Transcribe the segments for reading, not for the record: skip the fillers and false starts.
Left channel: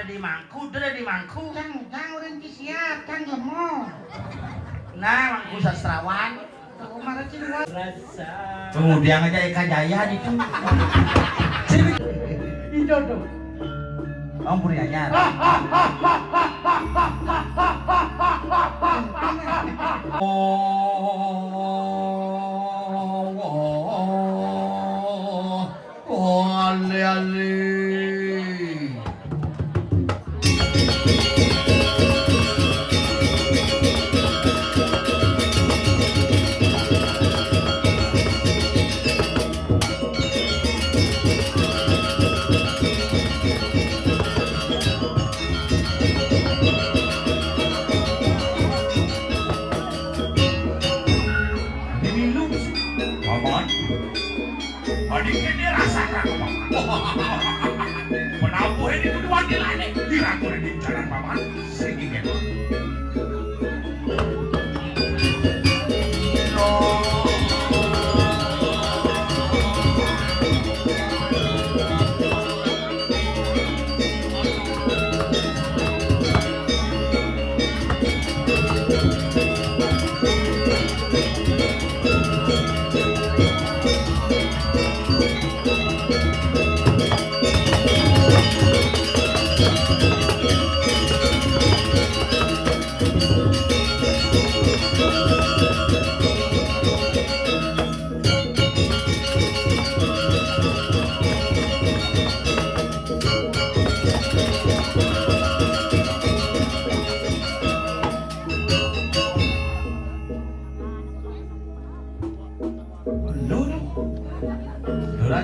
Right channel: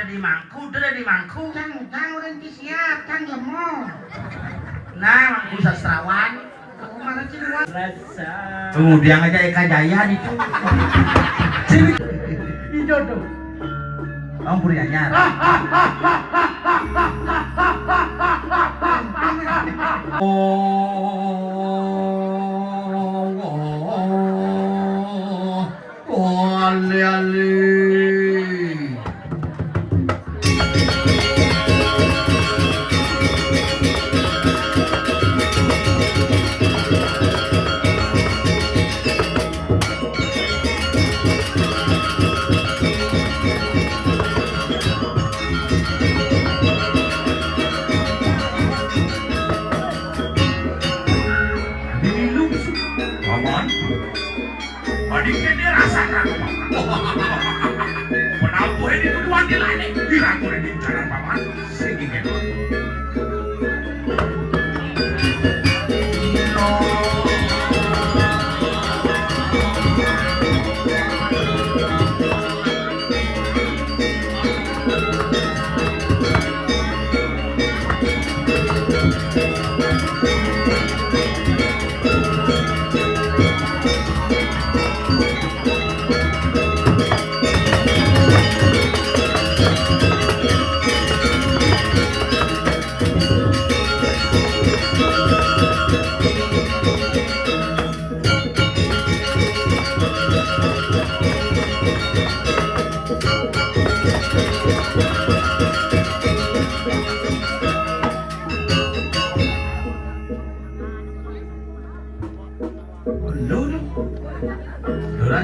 ada di mangku, ada di mangku. Cang orang siap, Cang jemo. Nah, mangku sastrawan. Mana ciluan? Kemudian aja Eka Jaya itu. Itu tuh. Ampun ya nyar.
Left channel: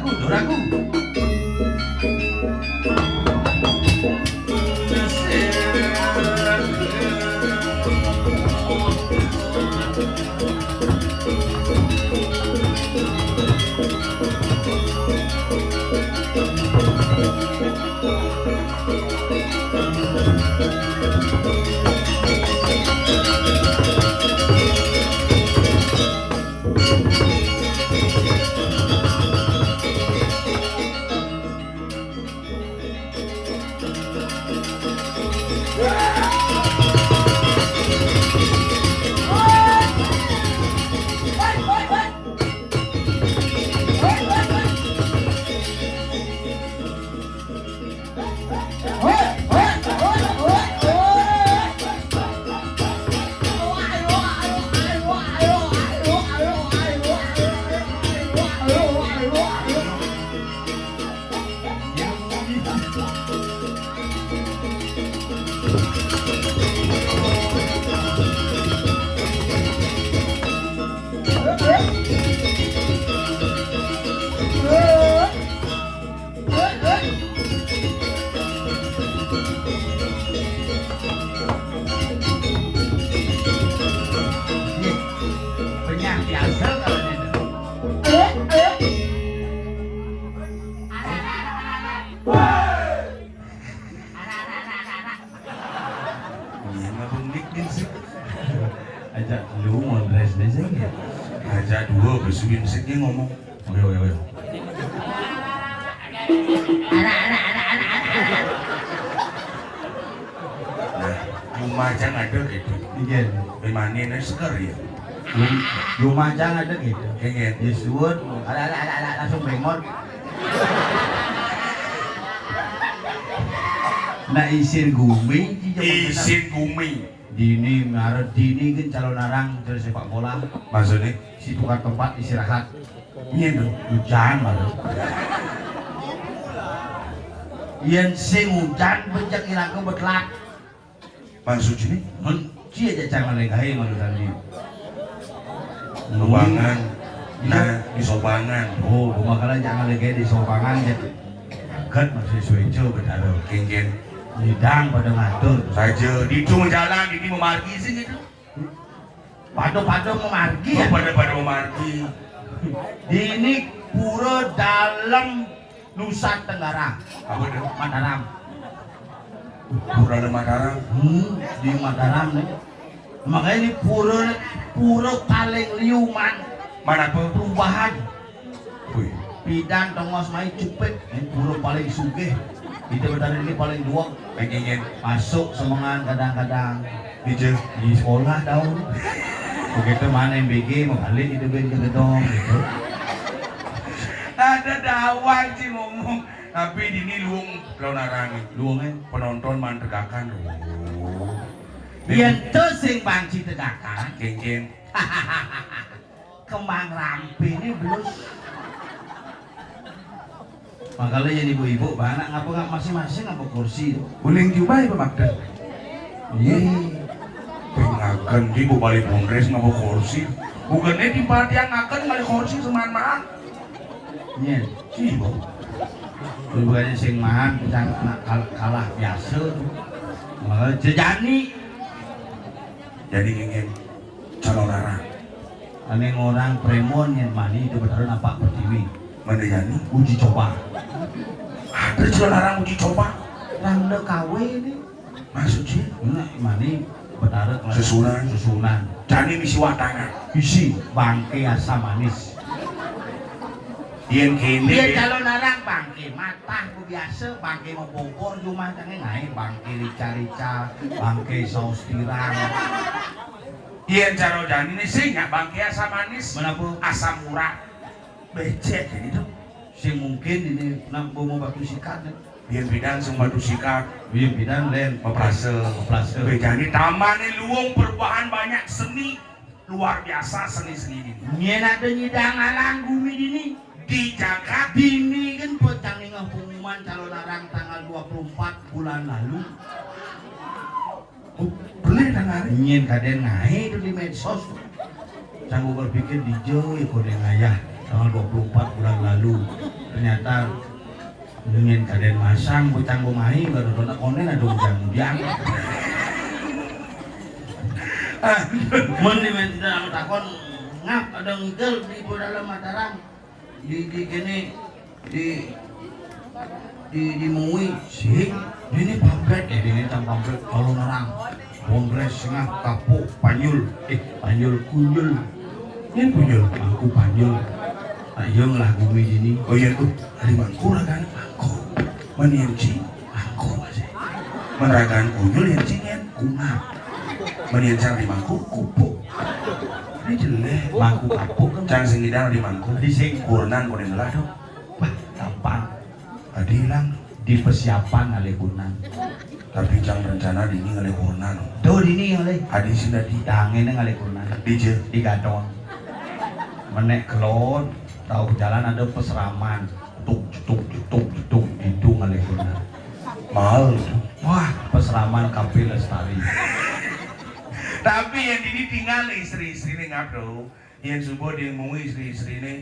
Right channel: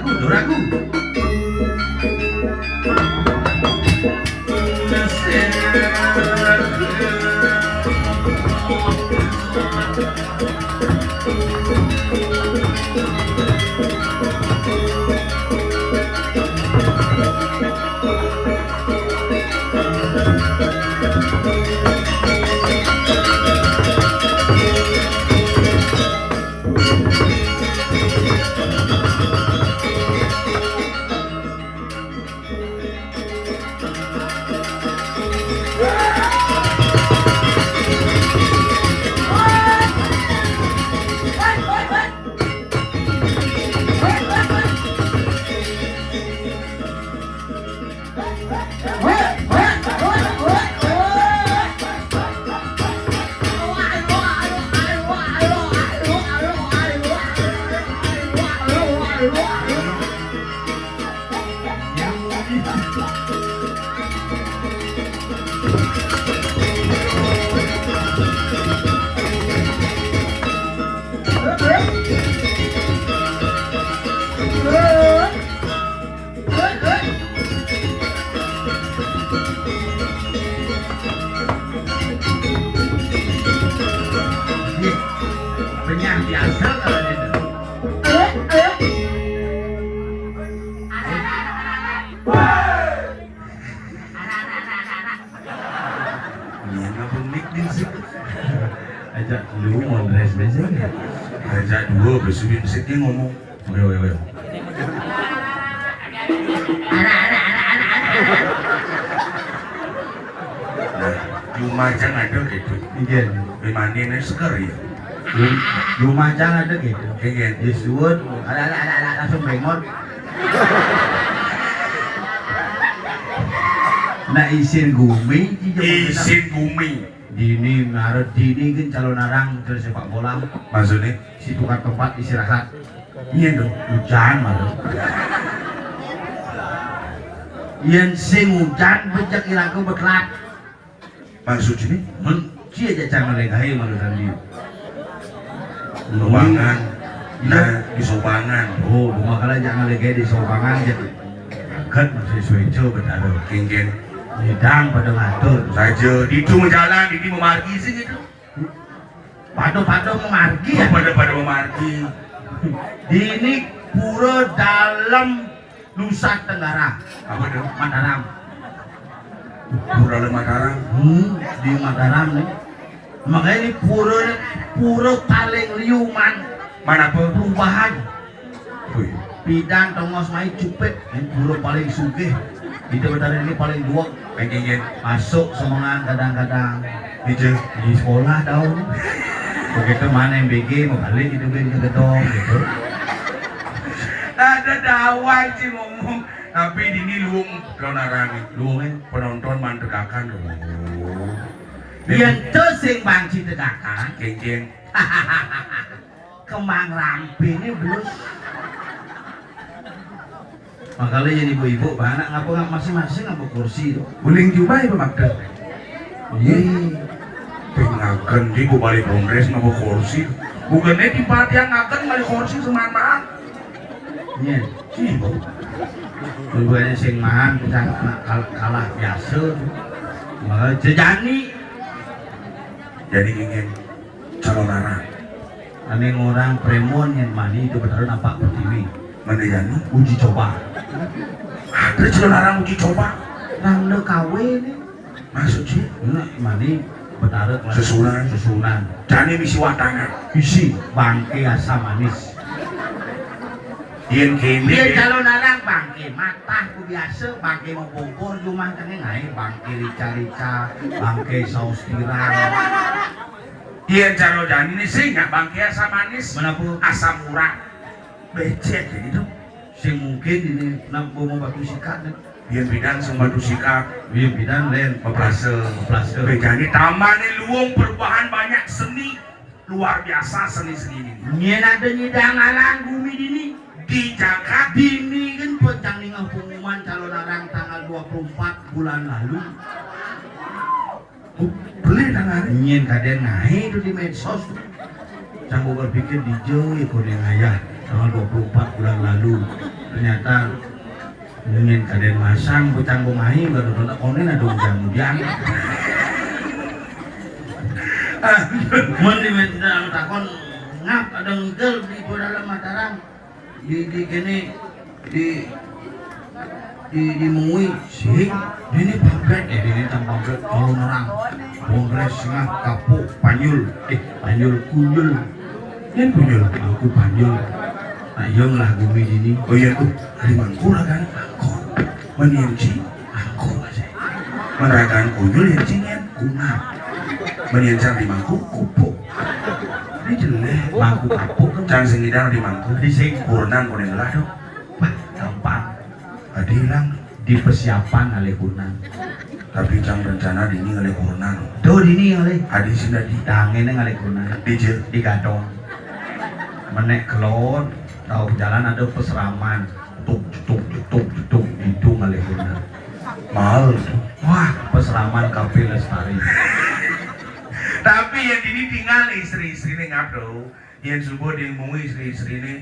Doraku. Ajak lu ngondres biasanya. Ajak dua bersubit-subitnya ngomong. Wewe. Nah, Lumajang ada gitu. Iya. Memang ini segar ya. Lumajang ada gitu. Iya. Disuwun, ada langsung remote. Nah isin gumi, Dini ngaret Dini kan calon arang dari sepak bola. Maksudnya Si tukar tempat istirahat. iya dong. Hujan baru. Yen sing hujan bejak ilang ke betlak. Maksudnya Cia aja cara melegahi malu tadi. Lubangan. Nah, di sobangan. Oh, bumakala jangan melegahi di sobangan jadi. Kan masih suwejo betaro. Kengken. Hidang pada ngatur Saja di itu jalan, di memargi sih gitu. Pado memargi ya. Pada memargi. Ini pura dalam Nusa Tenggara. Apa dong? Mataram. Pura Mataram. Di Mataram nih. Makanya ini pura paling liuman. Mana perubahan. Tuh. Bidang tengos mai cupet. Ini pura paling sugih. Itu benar ini paling dua Pengen masuk semangat kadang-kadang hijau. di sekolah tau. Begitu mana MBG mau balik gitu gitu. Ada dawan sih ngomong, tapi ini luang keonaran luang penonton mantegakan loh. Yen tuh sing bangci tegakan, Geng-geng. kemang lampi ini blus. Makanya jadi ibu-ibu banyak ngapa nggak masing-masing ngapa kursi tuh. Uling juga ya Magda. Iya. Pengakan di bu balik kongres ngapa kursi. Bukannya di yang akan balik kursi semangat. Iya. Iya. Tujuannya sing mahal kita kalah biasa. Jejani. Jadi geng calon arah. Ane orang premon yang mani itu betul nampak pertiwi. Mana jadi? Uji coba. Ada calon arah uji coba. Rangda kawin nih. Masuk sih. Ini mani betul susunan. Jadi misi watana. Isi bangke asam manis. Yen kene. Dia calon arang bangke matah ku biasa bangke mau bogor rumah tengah ngai bangke rica-rica bangke saus tiram. Yen calon jani ini sih nggak bangke asam manis. Mana bu? Asam murah. Becek jadi tuh. Sing mungkin ini nak mau batu sikat. Yen bidan sing batu sikap. Iya bidan len Oplase. Jadi taman ini luang perubahan banyak seni luar biasa seni-seni ini. Nyen ada nyidang alang bumi dini. Di Jakarta Dini kan pecang dengan pengumuman calon arang tanggal 24 bulan lalu. beli tangan. Nyen kaden ngai itu di medsos. Canggu berpikir di jauh ya kuning ayah tanggal 24 bulan lalu. Ternyata nyen kaden masang bu canggu ngai baru benar konen ada ujang-ujang. Mun di dalam takon ngap ada ngigel di dalam Mataram. Di kene di mui sih ini pamflet ini pamflet calon orang kongres sengah kapuk panyul kunyul yang kunyul aku panyul nah yang lah bumi ini Oh iya tuh, hari mangkul kan? Mangkul. Menienci, mangkul aja. Meragaan kunyul yang cingen, kunap. Meniencang di mangkul, kupuk. Ini jelek, mangkul kapuk kan cang singidang di mangkul. Di sing kurenan kuning lah dong. bah gampang Tadi hilang. di persiapan oleh kunan Tapi cang rencana dini oleh kurenan. tuh dini oleh Adi sudah di tangan oleh kunan DJ. di gadong menek kelon tahu jalan ada peseraman tuk hidung oleh kunan Mal itu. wah peseraman Kapi Lestari Tapi yang ini tinggal istri-istri ini ngabdo. Yang subuh dia ngomong istri-istri ini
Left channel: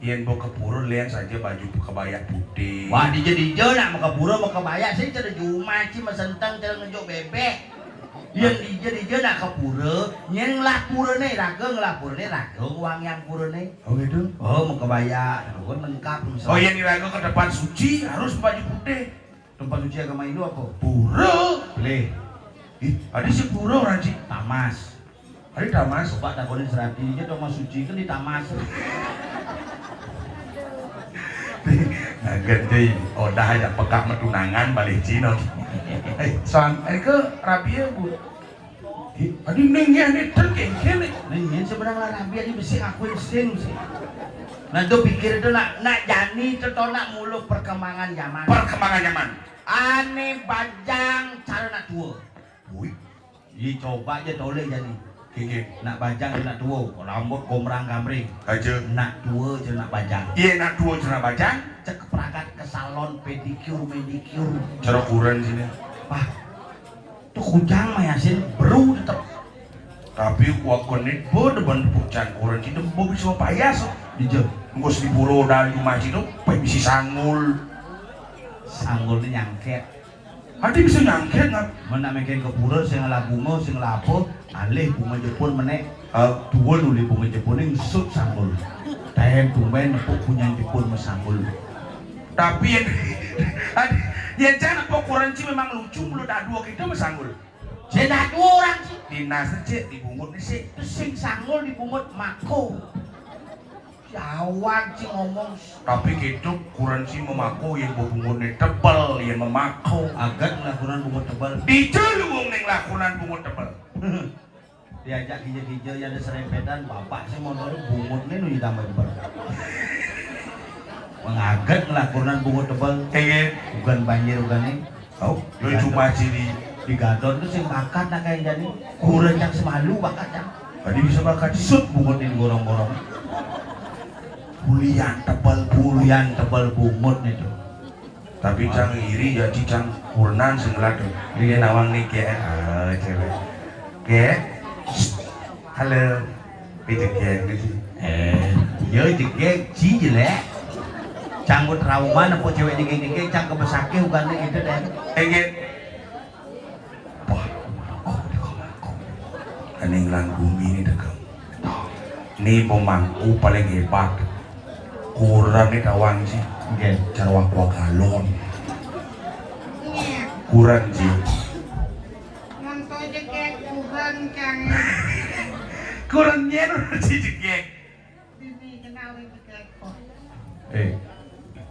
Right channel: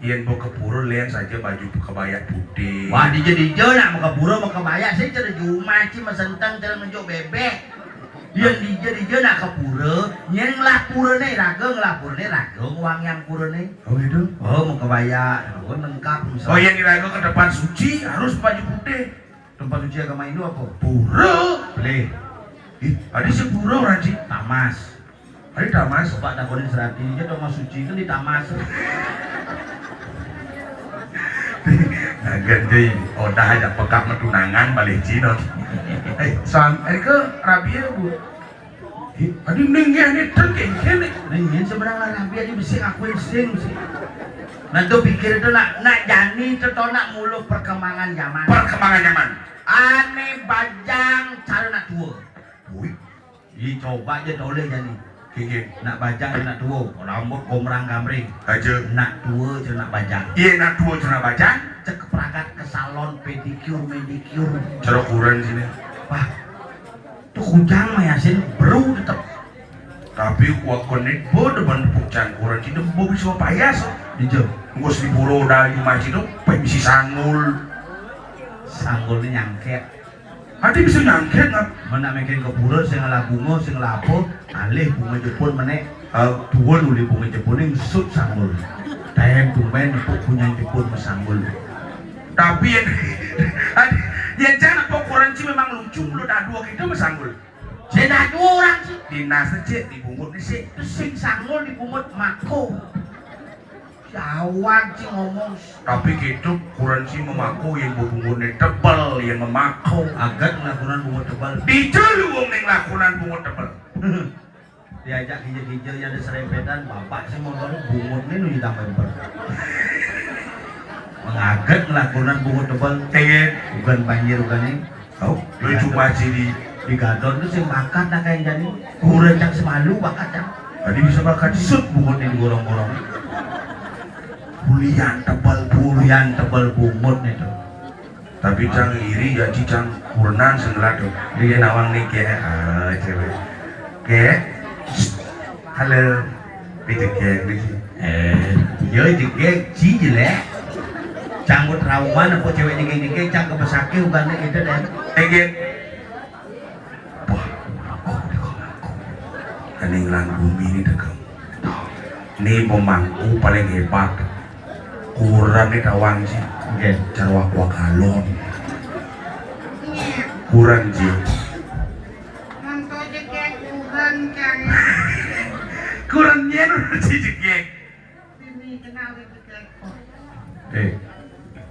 yang bawa kepura lihat saja baju kebaya putih. wah dijo lah mau keburu mau kebaya saya cerita juma ci mesentang cerita ngejuk bebek yang dijo nak kepura yang ngelapura nih raga uang yang pura nih Oh gitu. oh mau kebaya gue lengkap misalnya Oh yang diraga ke depan suci harus baju putih. tempat suci agama Hindu apa? Pura. Boleh Ih, ada si pura orang sih. tamas Ada tamas. coba takonin serati aja dong suci kan di tamas Nah, ganti. Oh dah ada pekak metunangan balik Cina. Ini ke Rabia bu. Adi mendingnya ini terkengkeng. Nih, sebenarnya lah biar dia mesti ngakuin sing sih. Nah, tuh pikir itu nak jani itu tau nak mulu perkembangan zaman. Perkembangan zaman. Aneh bajang cara nak tua. Wih, Coba aja toleh jani. gini. Nak bajang nak tua, rambut gomrang gamring. Aja. Nak tua cara nak bajang. Iya nak dua cina bacaan. Cek perangkat ke salon pedicure, manicure. Cara kurang sini. Wah, tuh kujang mah ya sih, bro tetep. Tapi kuat konek bo depan pucang kurang kita bo bisa payas. Dijauh. Ngos di buro dari masjid itu, bisa sanggul. Sanggulnya nyangket. Hati bisa nyangket nggak? Mana mungkin ke pura sing ngalah bunga sing lapo alih bunga Jepun menek dua nuli bunga Jepun yang sut sanggul dahem tumben puk punya Jepun mesanggul Tapi yang jangan pokuran sih memang lucu lu dah dua kita mesanggul. saya dua orang sih Dinas aja dibungkut di sih. terus sing sanggul dibungkut mako Jawab sih ngomong. Tapi gitu kurang sih memaku yang bungunnya tebal yang memaku. Agak lakukan bungut tebal. Dijalu wong ning lakonan bungut tebal. Diajak hijau-hijau yang ada serempetan, bapak sih mau taruh bungutnya nu ditambah tebal. Mengaget lakukan bungut tebal. Bukan banjir bukan ini. Oh, lu cuma di Gador itu sing bakat nak kayak jadi kurang yang semalu bakat yang. tadi bisa bakat sut Bungut ini gorong-gorong. bulian tebal Bulian tebal bungut itu. tapi cang iri ya cang kurang segelat tuh dia nawang nih kayak cewek kayak halo itu kayak gitu Yo jege ci jelek. Canggut trauma apa cewek jege cang kebesake bukan itu deh. kayak kening lang bumi ini degang ini pemangku paling hebat kurang nih tawang sih Nggih. cara wak galon Iya. kurang sih Nonton aja kayak kurang kan. kurangnya sih jek Ini kenal itu kayak.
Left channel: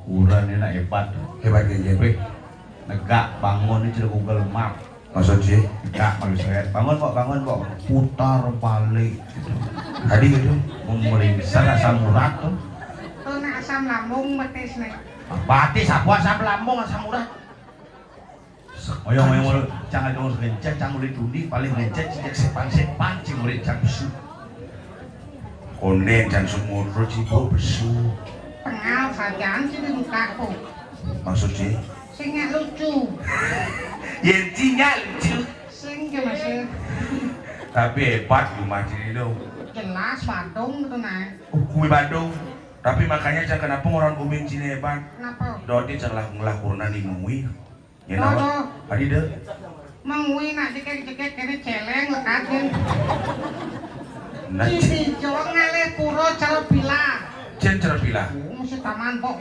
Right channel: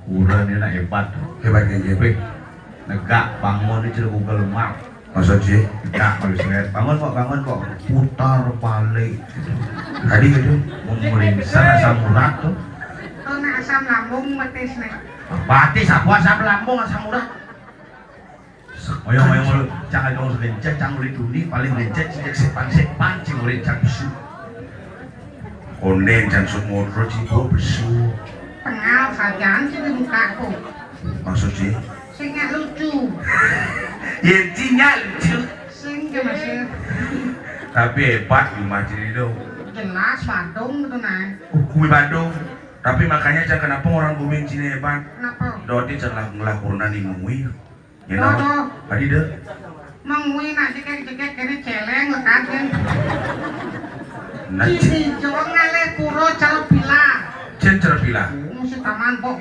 Kurang ini nak hebat. hebat kan jek Wih, negak bangun ini cerita Google Map. maksud sih Negak manusia. Bangun kok. Putar balik. tadi gitu Memeriksa asam urat tuh. Tuh nak asam lambung matis nih. Batis apa asam lambung asam urat. Oh yang main mulut, jangan dong segencet, jangan boleh tuni, paling gencet, cicak sepang, cing boleh cak bisu. konden dan semua terus ibu besu Pengal saja sih di mukaku. maksud sih Sing nggak lucu. intinya lucu Sing jelas tapi hebat di macam itu jelas Bandung gitu nah. kue Bandung tapi makanya cak kenapa orang bumi Cina hebat Kenapa? Dodi celah ngelakuran di mengui ya Dodo. nama tadi deh Mengui nak jekek kene celeng lekatin. nanti Cici jorong ngale puro calo pila. cen cerpila Mesti taman kok.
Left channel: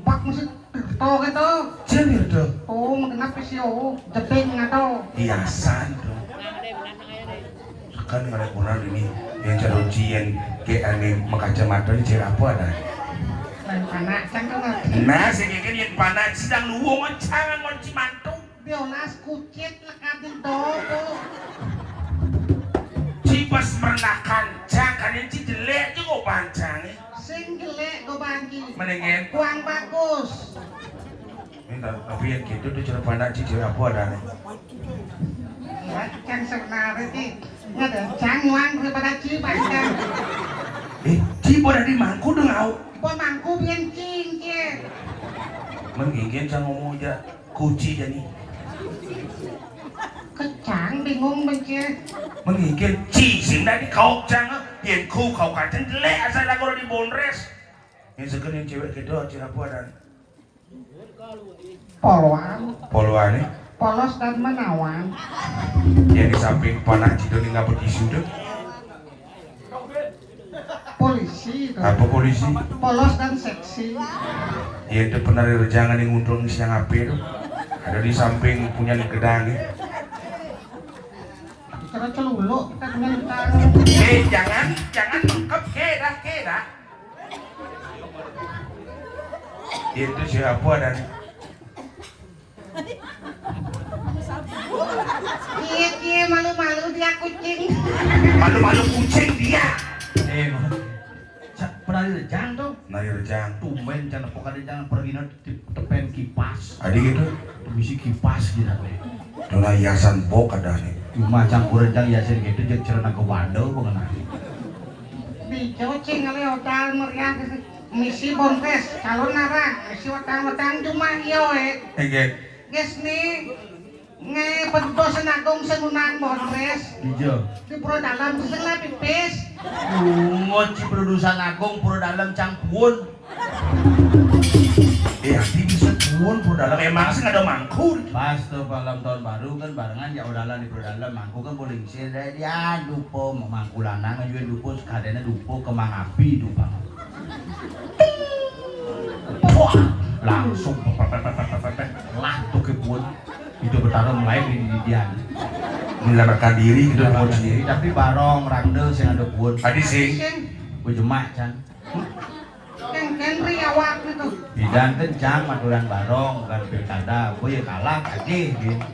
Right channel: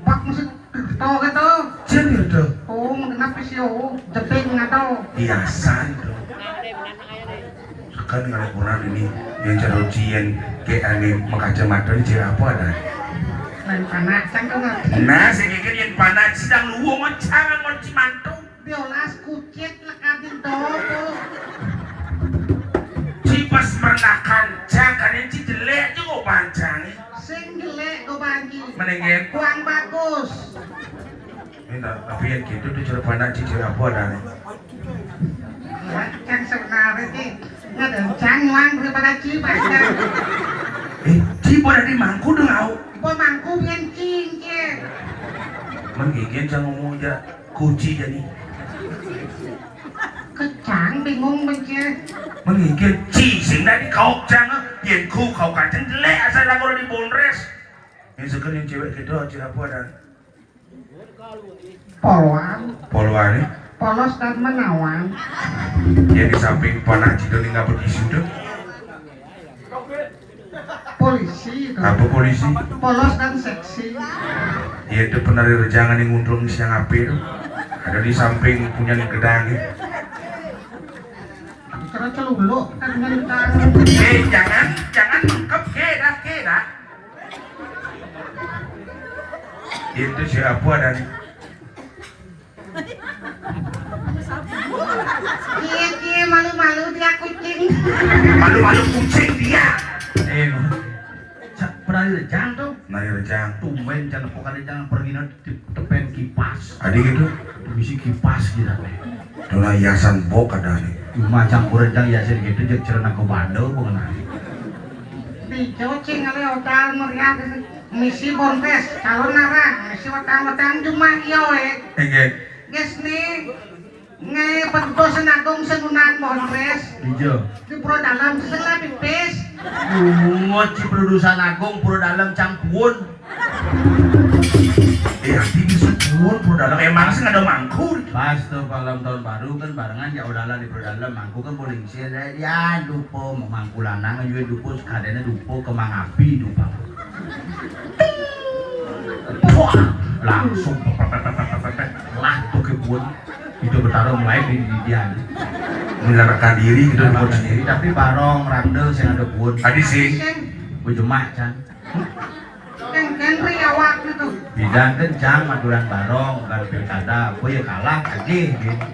Bak mesti to gitu. cen itu Oh, kenapa sih oh jeping ngato. biasa itu kan ngelakuran ini yang cerocian kayak aneh makacamata ini cewek apa ada Dan panak cang tuh nah segini yang panas sedang luwo macam ngonci mantu biolas kucit lekatin dodo. cipas merenakan jangan yang cijelek juga pancang Sing jelek go bagi. menengin Kuang bagus. tapi yang gitu tuh cara pandang cicil apa ada Ya, cang sebenarnya sih nggak ada cang nuang daripada cipas kan. cipo dari mangku dengau Gua mangku bian cing cie. menggigit jangan ngomong aja kuci jadi Kecang bingung benci. menggigit cising dari kau jangan yang ku kau kacang jelek asal lagu di bonres yang sekarang cewek gitu aja apa ada Poluan, poluan nih polos dan menawan. yang di samping panah cido nih nggak pergi situ Polisi itu. apa polisi Polos dan seksi. ya itu pernah rejangan yang ngundrung siang apir ada di samping punya gedang Cara celuluk kan mentang. jangan mengkep keda itu siapa dan Cie malu-malu dia kucing. malu-malu kucing dia Pernah direjang tuh. nari rejang Tumben jangan pokoknya jangan pergi nanti tepen kipas. adik itu Bisi kipas gitu. tuna hiasan bok ada nih Cuma campur rejang yasin gitu jeung cerna ke Bandung mengenai. Di cocing kali hotel meriah misi bontes calon narang misi watang-watang cuma iyo enggak guys nih nge petugas senagong senunan bontes Hijau. di pura dalam sesengat pipis. Ngoci produsan agung pura dalam cangkuun. hati bisa pun pun dalam emang sih nggak ada mangku Pas tuh malam tahun baru kan barengan ya udalan di pura dalam mangku kan boleh ngisi ya dupo mangku lanang juga dupo sekadanya dupo kemang api dupa. Wah, langsung lah tuh kebun itu bertaruh mulai di dia menyerahkan diri gitu Barang pun sendiri sendiri tapi barong randel sing ada buat tadi sih Sing gue jemak can Kan riawak itu. Bidang kencang aturan barong kan pilkada apa ya kalah tadi gitu.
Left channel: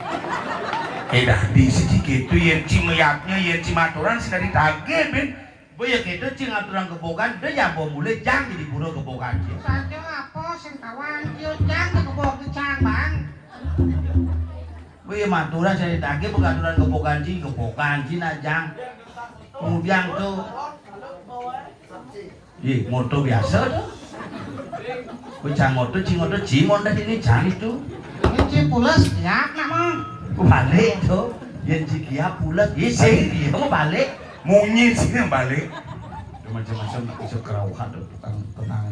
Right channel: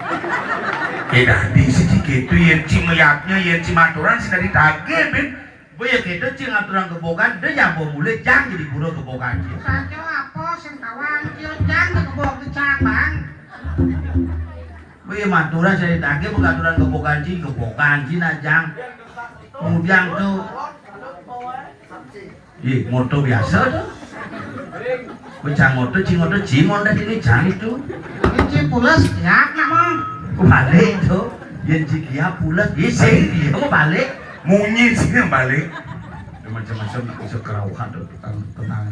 Dah di sisi gitu yang cimeyaknya yang cimaturan sih dari tage ben. Boya kita cing aturan kebogan dia yang mau mulai jang jadi pura kebogan dia. Sajo apa sing kawan kieu jang kebok di cabang. Boya maturan saya tage bukan aturan kebogan cing jang. Kemudian tuh moto biasa tuh. Bocah moto cimon dah ini jang itu. Ini pulas ya namang. Balik tuh. Yang cikia pulas isi dia mau balik. Munyi sih yang balik. Macam-macam nak bisa kerauhan tuh tenang.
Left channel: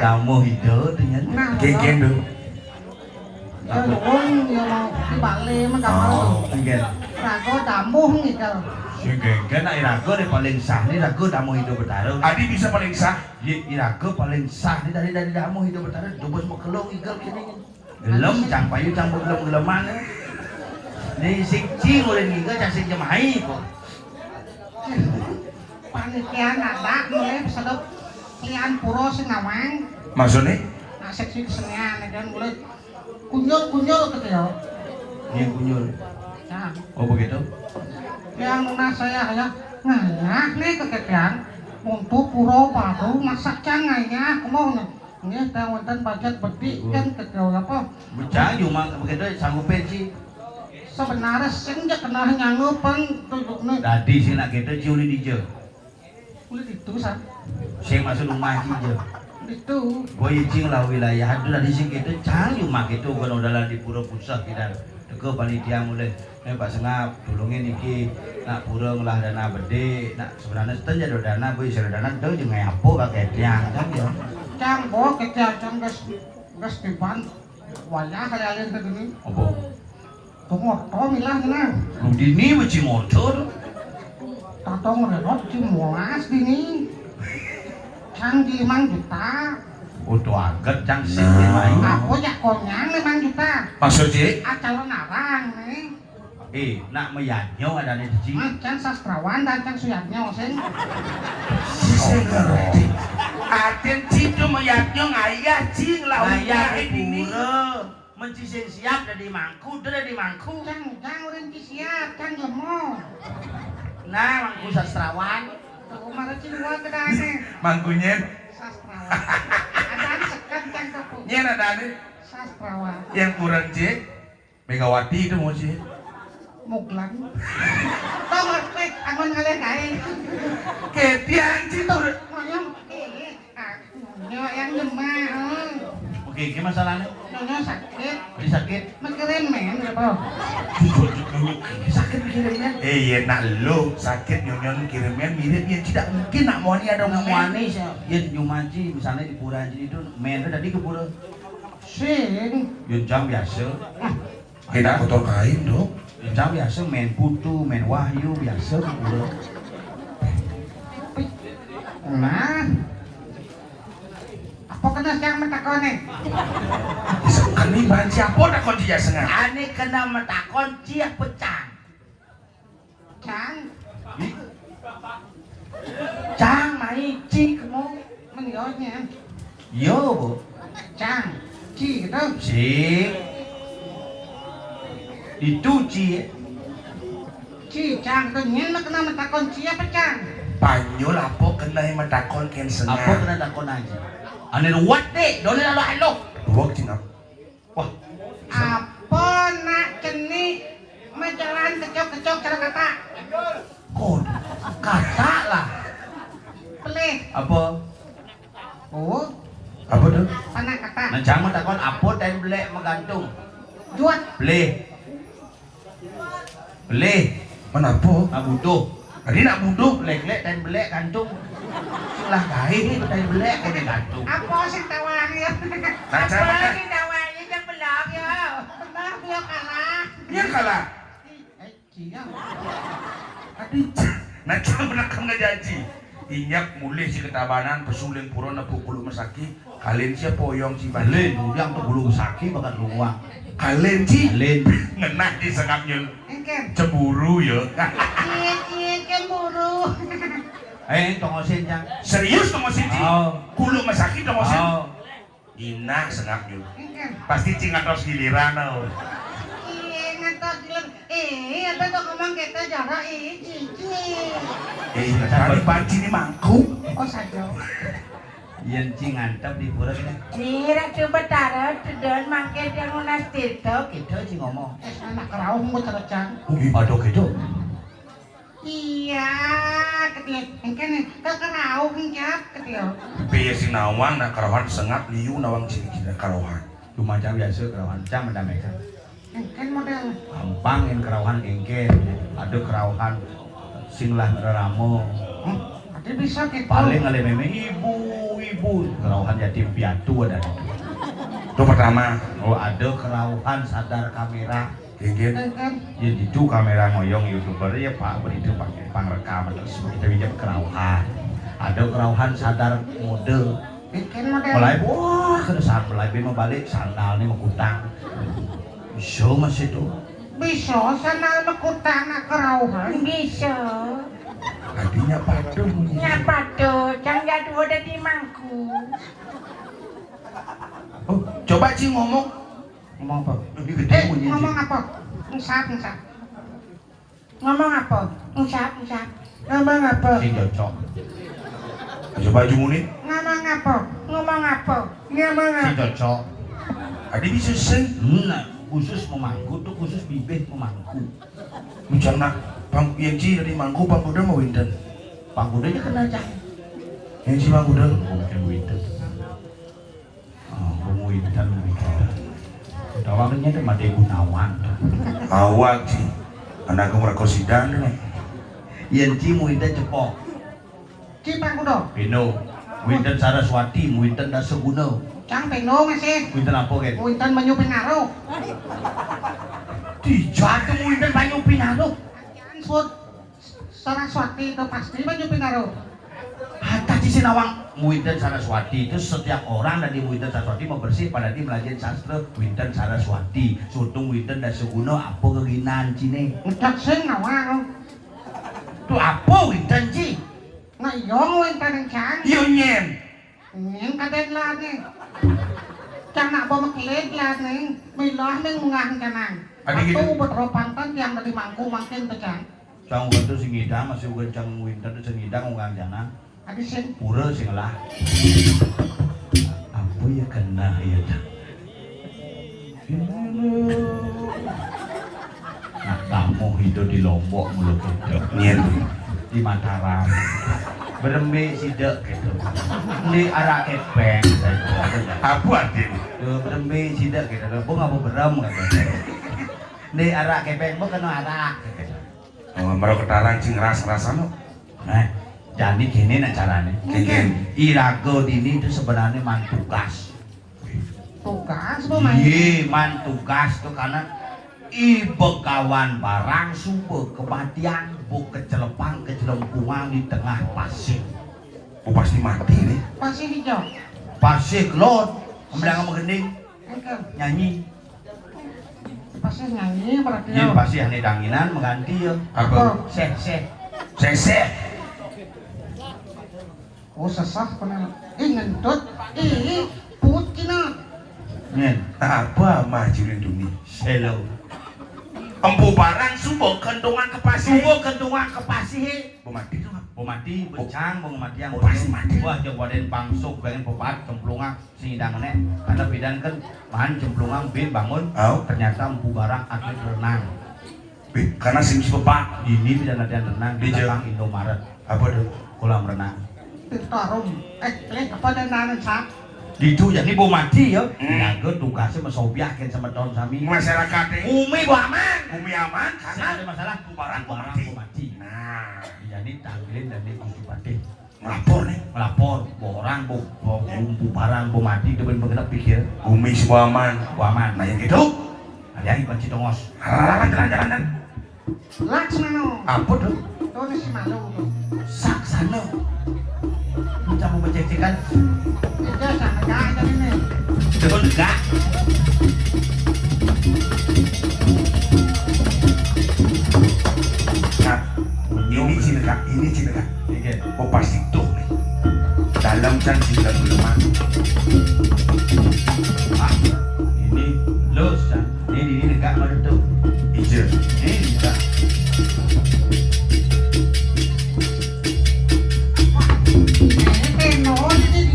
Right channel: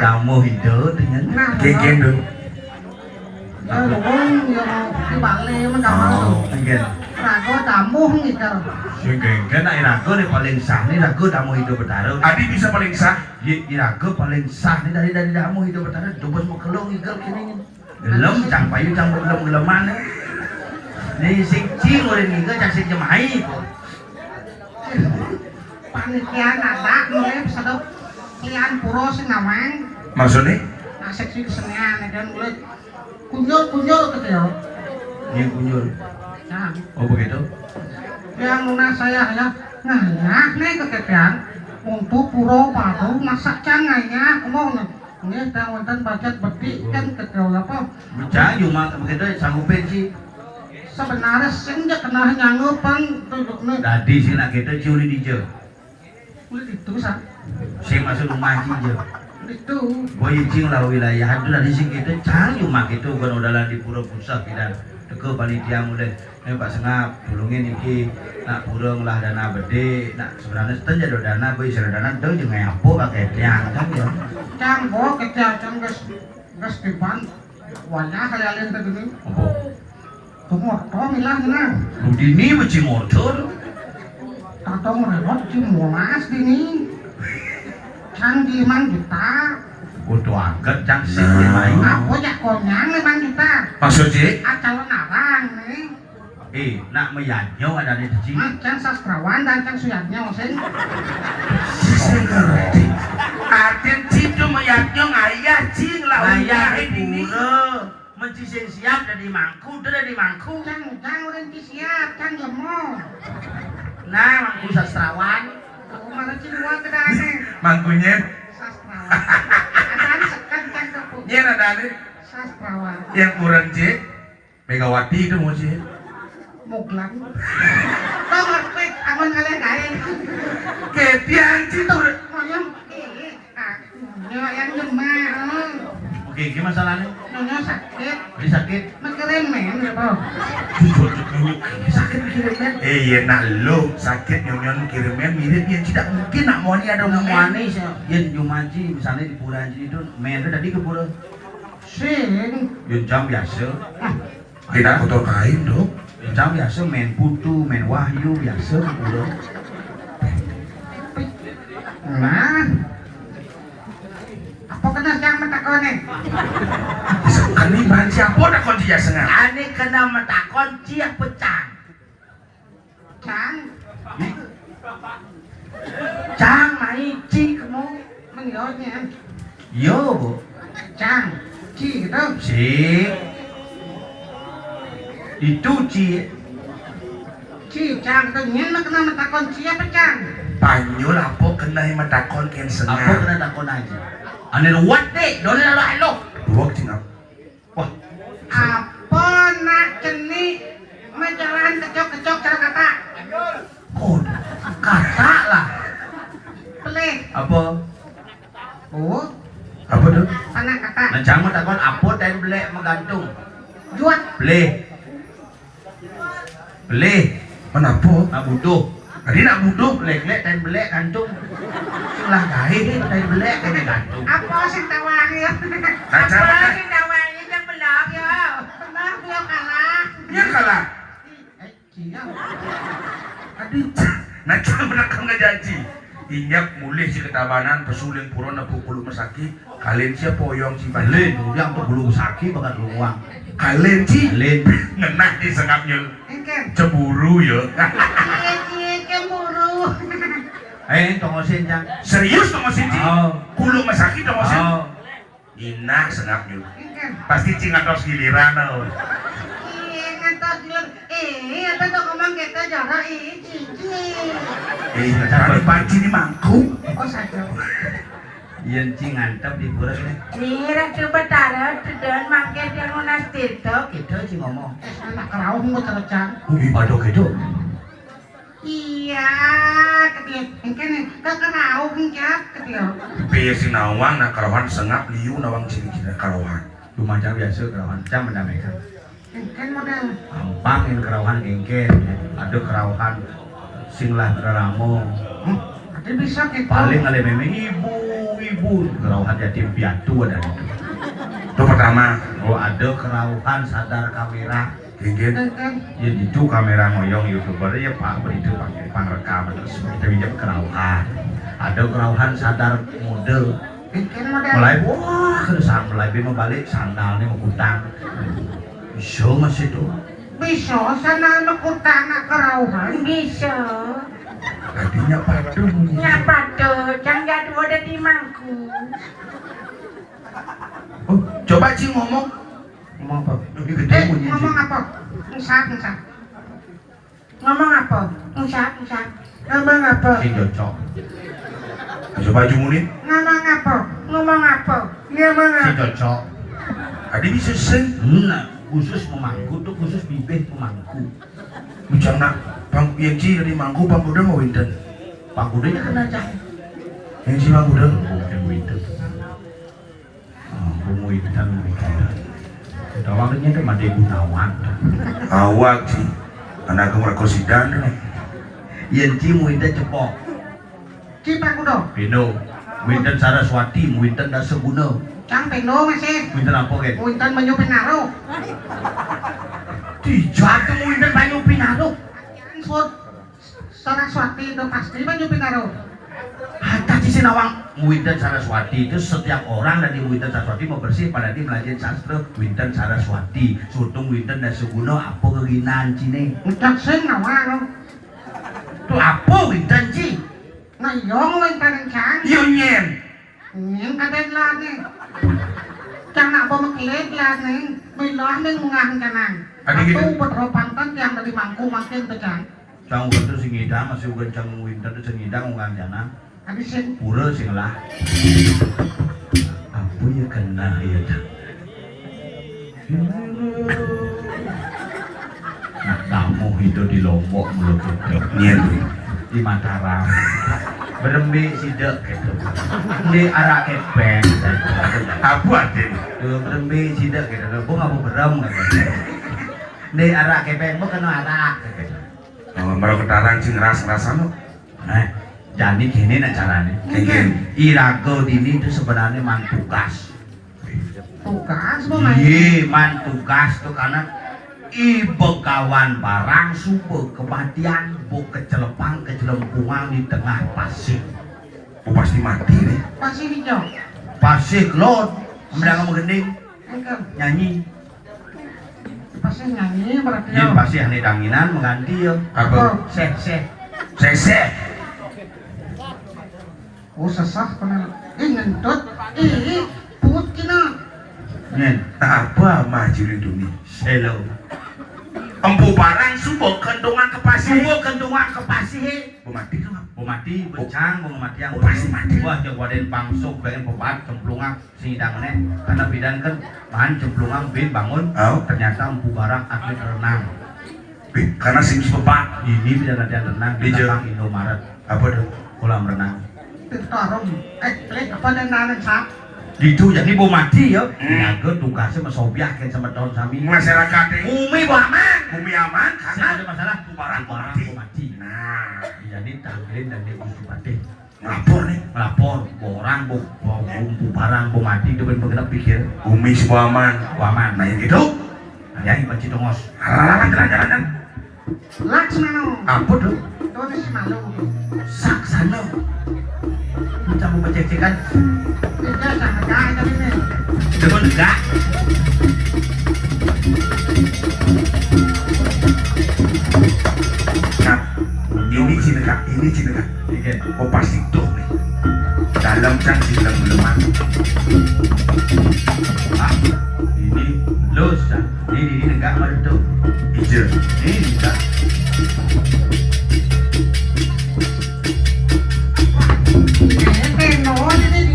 Kamu hidup dengan Geng tuh. Wong yo di Bali men kamu. Iya. Rago tamuh gitu. Si geng ai rago ni paling sah ni rago tamu hidup bertarung. Adi bisa paling sah. Di rago paling sah ni dari tamu hidup bertarung. Coba mau kelong igel kini. Gelem cang payu cang gelem-geleman ni. Ni sing cing oleh ni ke cang sing jemai. Panitia adak mulai sedep lian puro sing ngawang. Maksudnya? Asik sih kesenian dan mulai kunyul gitu ya. Yang kunyul. Nah, Oh begitu. yang lunas saya ngayah nih kekepian untuk puro padu masak cangainya kemaunya. Ini tang wonten pajak beti kan ketel apa? Bicang cuma begitu sanggup pensi. Sebenarnya senja kena nyanggupan duduknya. Tadi sih nak kita curi di je. Itu sah. Saya masuk rumah je. Itu. Boy cing lah wilayah itu dari sini kita cang cuma gitu kan udahlah di pura pusat kita. Teko panitia mulai. Pak Sengap tulungin iki nak burung lah dana bede nak sebenarnya setan jadi dana boy sudah dana tuh jangan apa pakai tiang kan ya. Cang bawa kejadian gas tiban. Wajah kalian begini. Apa? Tumoto milah na. Dini macam motor. Tatong rewot cimulas dini. Cang 5 juta. Udah agak cang sih main. Aku ya konyang 5 juta. Maksudnya? Calon abang nih. Nak meyadnya ada di sini. Cang sastrawan dan cang suyatnya sing. Saya ngerti. Artian cicu meyaknya ngayah cing lah. Ayah ini mencising siap dari mangku, dari mangku. Cang udah siap, cang jemo. Nah, mangku sastrawan. Aku malah cilua ke dane. Mangkunya. Sastrawan. Adaan sekan cang kepu. Nyen ada nih. Sastrawan. Yang kurang cik. Megawati itu mau cik. Muglang. Tau ngerti, aman kalian kaya. Ketian cik tuh udah. Ngonyong, nyonya yang jemah. Oke, gimana masalahnya? Nyonya sakit. Ini sakit. Mikirin men, gitu. Sakit mikirin. Iya nak lo sakit nyonya kirimin mirip yang tidak mungkin nak mau ni ada Mau ngomong manis ya. Yen Jumaji misalnya di pura Haji itu main tadi ke pura. Sing. Yen jam biasa. Kita kotor kain dong. Yen jam biasa main putu, main wahyu biasa ke pura. Nah. Apa kena cang metakone? Kan ni bahan siapa nak kau dia sengat? Ane kena metakon ciak pecang. Cang. Cang mai ci kamu. Menyonya. Yo. Cang. Ci gitu. Si. Itu ci. Ci cang tuh nyen mah kena metakon ci apa cang? Panyol apa kena yang matakon kian Apa sengat? kena takon aja. Ane ruwet deh, dole lalu elo. Dua cingap. Wah, Apa nak ceni menjalan kecok-kecok cara kata? kod kata lah. Pelih. Apa? Oh, Apa tuh? tanah kata. Nancang mah takon apa dan belek menggantung. Juat. Beleh. Beleh. Kenapa? Nak butuh. Tadi nak buduk. Belek-belek dan belek gantung. Lah gahe ni dan belek dan gantung. Apa sih tawari ya? Nancang mana? sih tawari yang belak ya? Benar dia kalah. Dia kalah. Cia. Aduh, nancang menakam ngajaji. Inyak mulai si ketabanan pesuling purona pukul mesaki. Kalian siapa poyong si Balen, balen? dia untuk bulu sakit bakat luang. Kalian si Balen. ngenah di sengapnya Engken. cemburu ya. Cie kemburu Tongosin Cang. Serius dong Mas Inci? Oh. Kulo masakit dong Mas Inci? Oh. Inak senap yuk. Engken. Pasti cingatos giliran tau. Ngantos bilang, apa tuh ngomong kita jarak cici. Tadi panci ini mangkuk. Oh saja. Yen Ci ngantep di pura ini. Nira coba taruh dan makai dia lunas tirto. Gitu Ci ngomong. Anak keraung mau tercang. Aduh gitu. Iya, ketia. Engken keraung cap ketia. Piye si nawang nak karawan sengap liu nawang ciri-ciri karawan. Lumajang biasa kerawan Cang mendamaikan. Engken model. Gampangin kerawan engken. Ada kerawan singlah beramo. Nanti bisa kita. Paling ale memang ibu kerawan yatim piatu ada itu. Itu pertama. Oh ada kerawan sadar kamera. Genggen. Engken. Ya itu kamera ngoyong youtuber ya pak itu pakai pangrekam kita pinjam kerawan. Ada kerawan sadar model. Engken model. Mulai wah kedesan mulai balik sandalnya mau kutang. Bisa mas itu. Bisa sana mekutang anak kerauhan. Bisa. Tadinya padung. Nyapa tuh, jangan jatuh udah di mangku. Oh, coba Ci ngomong. Ngomong apa? Ini gede bunyi Ci. Ngomong apa? Ngesat. Ngomong apa? Usap. Ngomong apa? Si cocok. Coba Ju Munit. Ngomong apa? Ngomong apa? Ngomong Si apa? cocok. Adi bisa sing. Nah, khusus memangku tuh khusus bibit memangku. Bujang nak. Bang Yenci dari mangku Bang Budeng mau winten. Pak Budenya kena cah. Yenci Bang Budeng. Bukan winter. Oh, winter. Dawangnya itu mati Gunawan. Awak Ci. Anak merkosidan nih. Yen Ci winter cepok. Cipang kudo. Pino. Winter Saraswati, winter Daseguna. Cang pendo masih. Winter apa kan? Winten banyu pengaruh. Dijatuh winter Banyu Pinaro. Ansut. Saraswati itu pasti banyu pengaruh. Hatta di Sinawang Winten Saraswati itu setiap orang dari Winten Saraswati mau bersih pada di belajar sastra Winten Saraswati sutung Winten Daseguna apa keginan cine Ngecak sing nawang. itu apa Winten Ci Ngayong winten cang. Yo nyen. Yang kadet lah nih. Cang nak bawa meklet lah nih. Milah nih ngang canang. Ada gitu? Aku berropantan yang dari mangku makin pecah. Cang Winten sing ngidang masih bukan Cang Winten sing ngidang ngang jana Ada sing. pura sing lah apa ya kena ya Cang nah kamu hidup di Lombok mulut itu Nyen. di Mataram berembe sidak gitu di arah kepeng Apa Aden? berembe sidak gitu aku nggak mau berem gitu di arah kepeng mau kena arah gitu. Oh, malah ketaran sing ras-rasan lo. Nah jadi gini nak caranya Genggen. Irago ini itu sebenarnya mantugas Tugas mau main. iya mantugas tuh karena ibegawan barang subuh kematian bu kecelepang kecelempungan di tengah pasir Oh, pasti mati nih. Pasti hijau. pasir lot kemudian kamu gending Engkel. nyanyi Pasti nyanyi berarti. Yen pasti ahli danginan mengganti ya Apa? seh Sese. Oh sesah benar. Ngentut. Put kina. nyen Apa maju dunia? selo Empu barang subuh kentungan ke pasir. subuh kentungan ke pasir Bu mati tuh. bu mati becang bu mati yang Pasti mati. wah yang waden pangsuk pengen pepat cemplungan singidangnya karena bidan kan bahan cemplungan bin bangun Oh. ternyata empu barang atlet renang Karena sim sepepak. ini bidan latihan renang di Di belakang Indomaret Apa tuh? kolam renang Tarum. Klik apa dan nanen sak. gitu jadi bu mati ya jaga tugasnya mesobiakin sama tahun sami Masyarakat umi bu aman bumi aman saya karena ada masalah barang bu mati Nah, jadi tampilin dan dia mesti batin ngelapor nih. melapor bu orang bu barang bu mati itu benar-benar pikir Bumi semua aman. bu aman Nah yang gitu. ada yang panci tongos Jalan. Laksmano. apa tuh Tulis malu. saksana bisa mau mencecikan Tiga sangat aja ini. dengan enggak Nah, ini ciri Cinegak ini Cinegak. Nggih. Oh pasti tuh nih. Dalam can film aku. Ini los Cang. Ini enggak meredup. Iya. Ini Cang.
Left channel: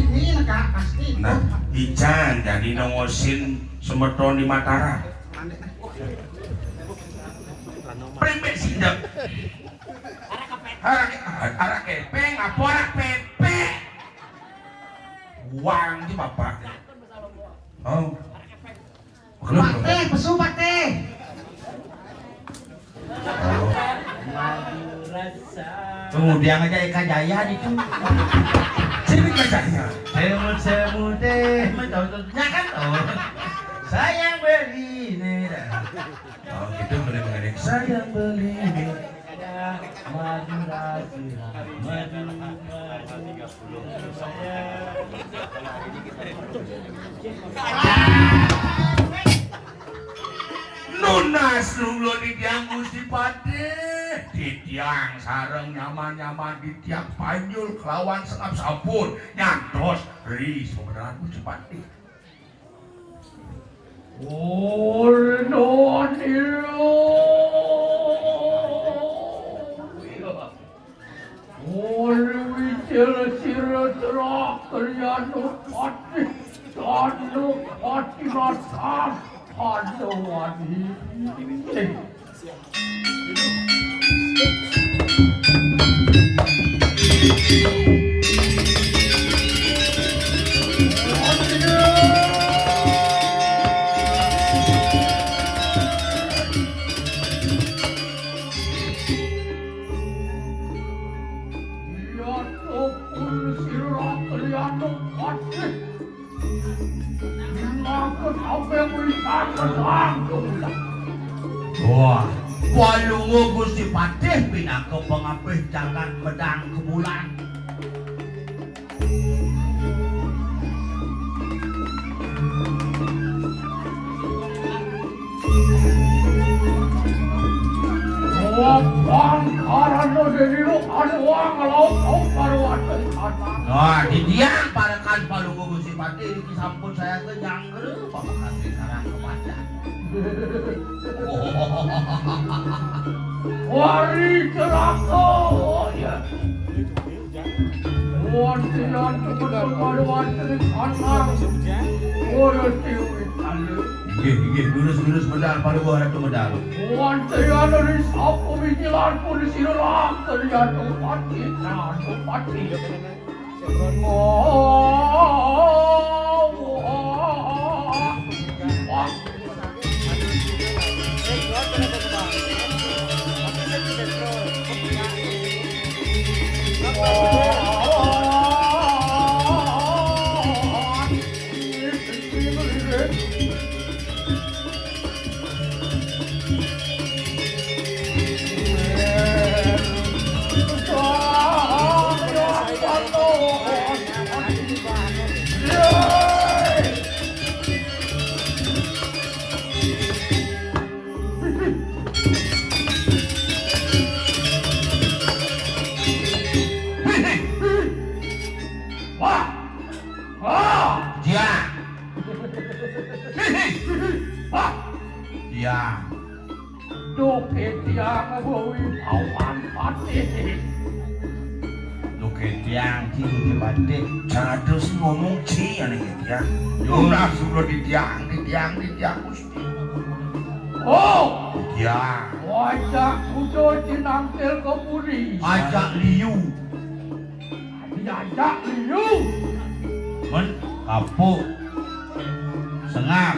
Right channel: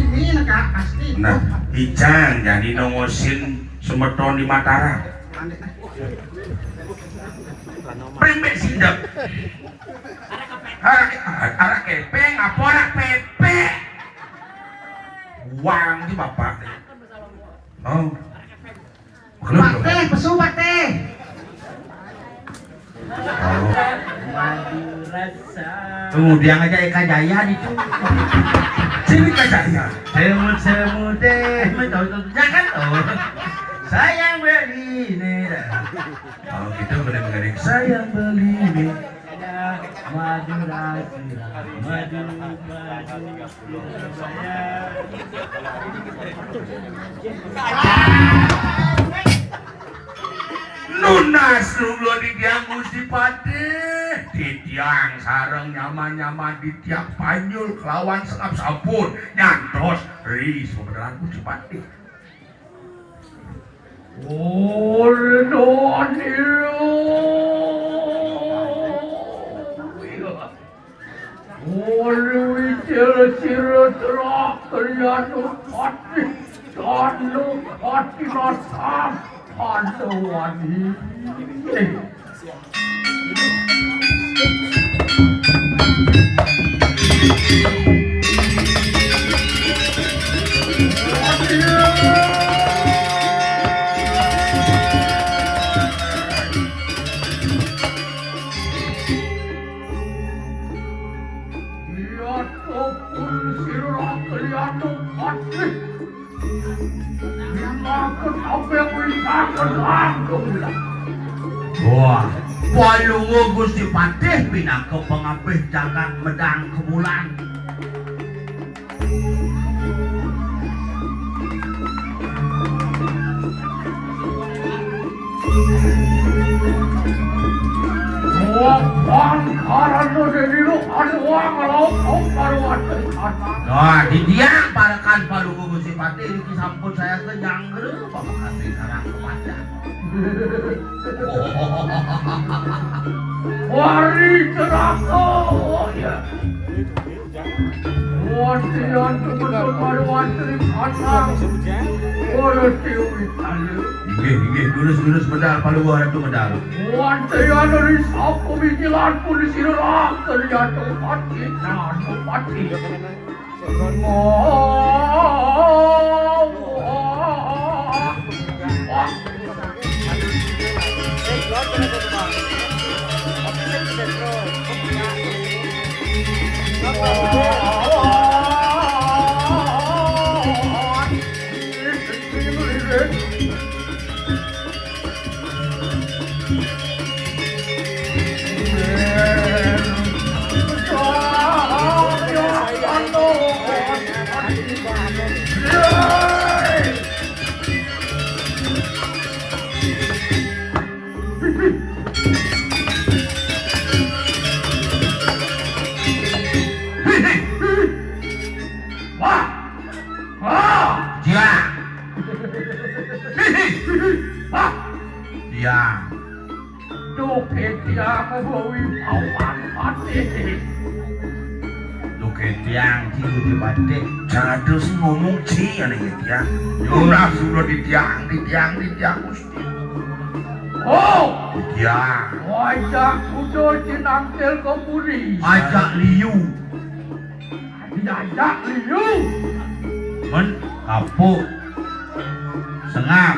ini negara pasti. Nah, Ijang jadi nongosin semeton di Mataram. Primbek sindep. Arak kepeng, apa arak pepek? Uang di bapak. Oh. Kenapa? Bate, pesu bate. Kemudian aja Eka Jaya itu. Sini kajaya. Semut deh, jangan sayang beli nih. Kalau kita benar-benar sayang beli ini. Lunas lu di tiang mesti pade, di tiang sareng nyaman-nyaman di tiang panjul kelawan sekap sabun nyantos ris beneran mesti pade. Wah, palungo Gusti Patih pinangka pengapih jagat medang kemulan. Wah, di dia parakan palungo Gusti Patih iki sampun saya kenyang pengapih karang kepada. Wari cerako ya. Wantian kebetulan wantri pasang. Oleh tiwi tali. Inggih, lurus medal palungo itu medal. Wantian dari sapu bikilan pun disirah terjatuh hati nanu hati. Dia. Duke tiang bawi awan pati. Duke tiang ci Gusti Patih. Jangan terus ngomong ci ane ya. Lunas sudah di tiang Gusti. Oh, Ya. wajah kudo cinangkel kemuri. Ajak liu. Diajak liu. Men kapuk. Sengap.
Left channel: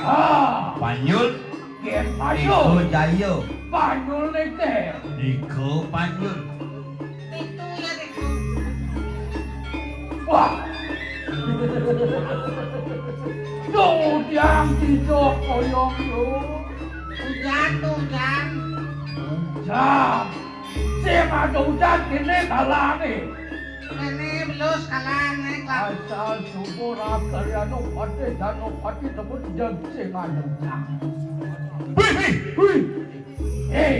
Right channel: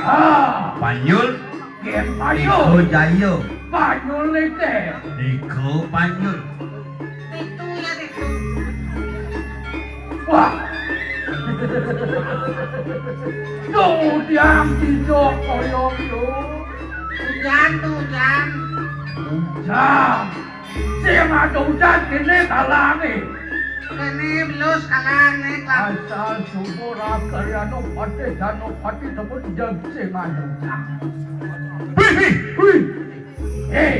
Panyul. Gen Iko payul. Jaya. Payul lete. Iko Panyul. Itu ya deh. Wah. Tuh tiang hijau koyong yo. Hujan tuh hujan. Jam. Siang ada hujan kene kalane. Kene belus kalang nih klang. Asal subur akaryano pati jano pati tepun jam siang ada hujan. Hui. Hei.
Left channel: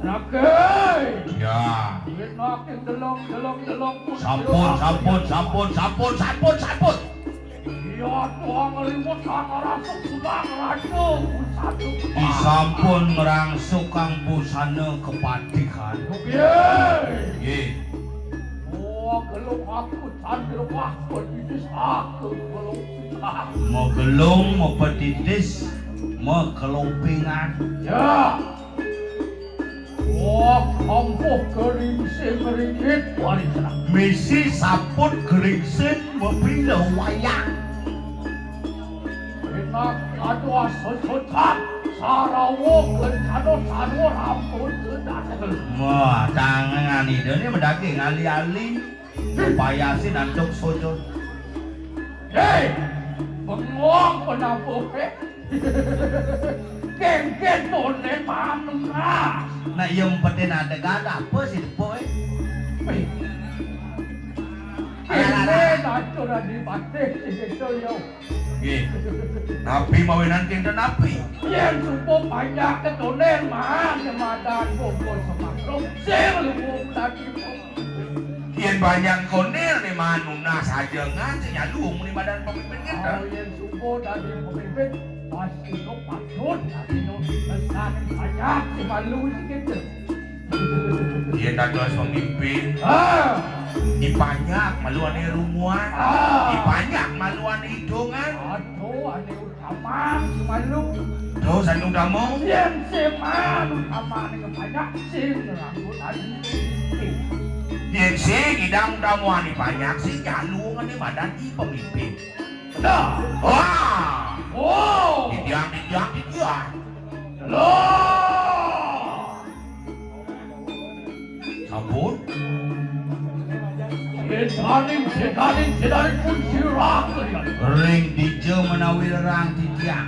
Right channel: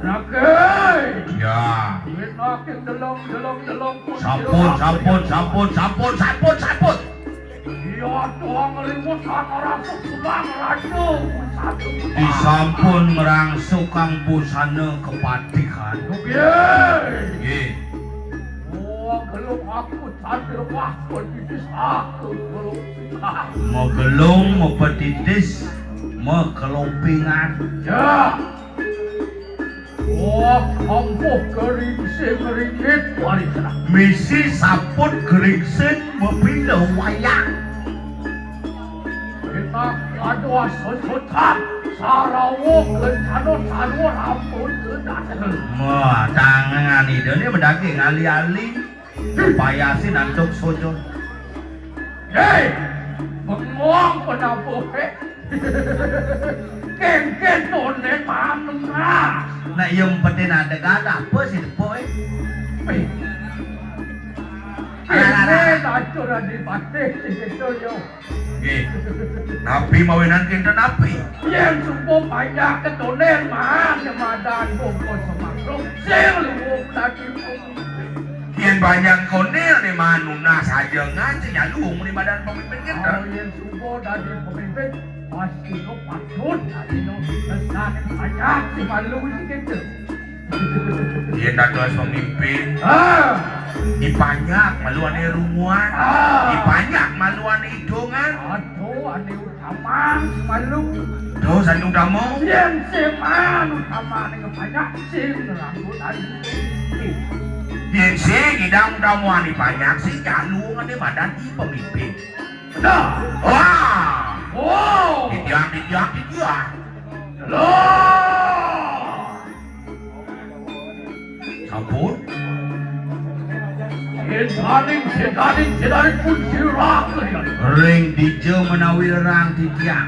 Rakai. Ya. saking delok. Sampun. Iya doang ngeliwat orang subang rajo. Disampun merangsuk kang busana kepatihan. Nggih. Oh, gelung aku sambil waktu bibis aku gelung. Megelung, mepetitis, mekelompingan. Ya. Oh, kampuh geringsing ringkit wanita. Misi saput geringsing mepindah wayang. Kita kadua sesutan sarawuk kencano rambut kedatangan. Wah, tangan ini mendaki ngali-ali. Payasi nantuk sojo. Hei, menguang penabuh Ken tone mamna. Nah, yung pati na dagat apa sih boy? Ken na di batik situ yo. Napi mawinan kinta napi. Yang supo banyak ketone mang jemadan bongkol semakro. Sing luwuk tadi. Yang banyak konel nih manuna saja ngaji nyalung di badan pemimpin kita. Yang supo tadi pemimpin pasti lo patut tadi lo kesanin banyak si malu gitu. Dia tadi pemimpin. Dibanyak maluane rumuan. Dibanyak maluane hidungan. Aduh, ane utama malu. Terus anu damu. Yang seman utama ane banyak sing rambut ane. Yang sing hidang damuan banyak sih nyalung di badan di pemimpin. Nah, Wah. oh, Didiak. loh. Sampun. Sedaring pun sirak kalian. Ring dijo menawi lerang titiak.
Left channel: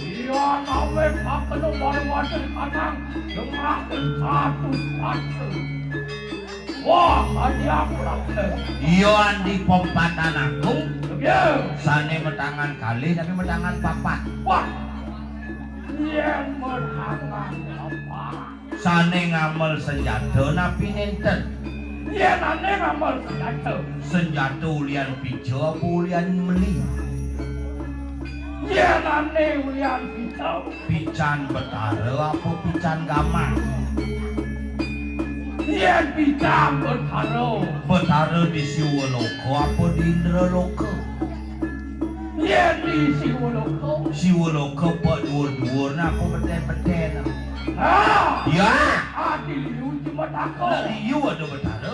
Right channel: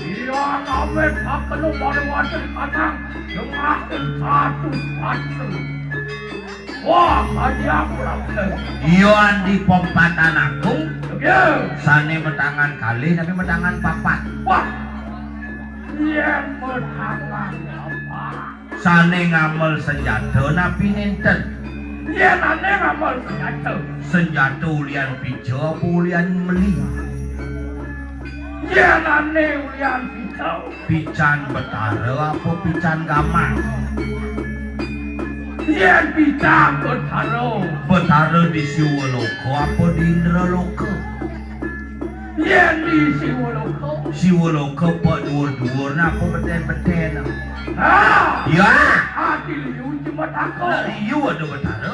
Iya, namen akan wajar kadang dengakin satu. Wah, banyak orang. Iyon di pompatan aku. Ya, Sane metangan kali tapi metangan papat. wah, yang menangan apa? Sane ngamel senjata napi nenten. Yang aneh ngamal senjata. Senjata ulian pijo apa ulian meli. Yang aneh ulian pisau. Pican betara apa pican gaman. Yang bidang bertaro. Betara di Siwoloko apa di Indraloko. Yang di Siwoloko. Siwoloko pak dua-dua apa beten-beten. Ah, Ya. adil yu cuma tako. Iyo ada betara.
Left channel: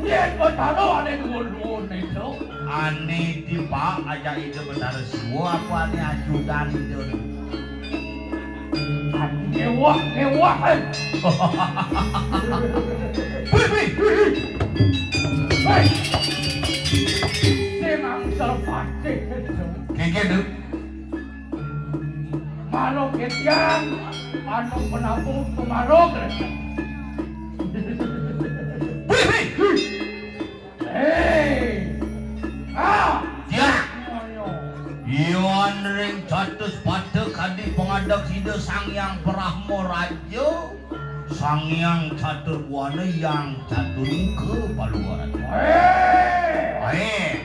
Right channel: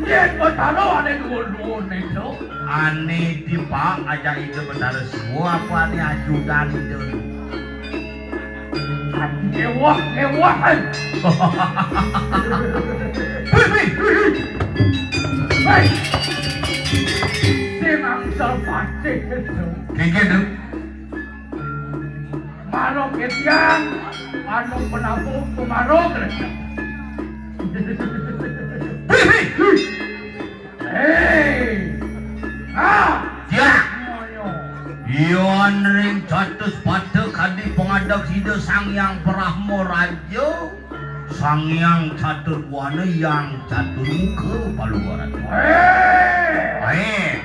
Yang bertaro ada dua-dua itu. Ane di pak aja itu betara siwo apa ane ajudan itu. Ngewak kan. Hei, senang selpati itu. Kayak gitu. Marok ketian, anu penabuk tumarok ketian. Hei, Ya. moyo. Iyon ring catus pada kadi pengadak hida Sangyang Brahma Raja. Sangyang catur wana yang catur muka paluaran. Hei,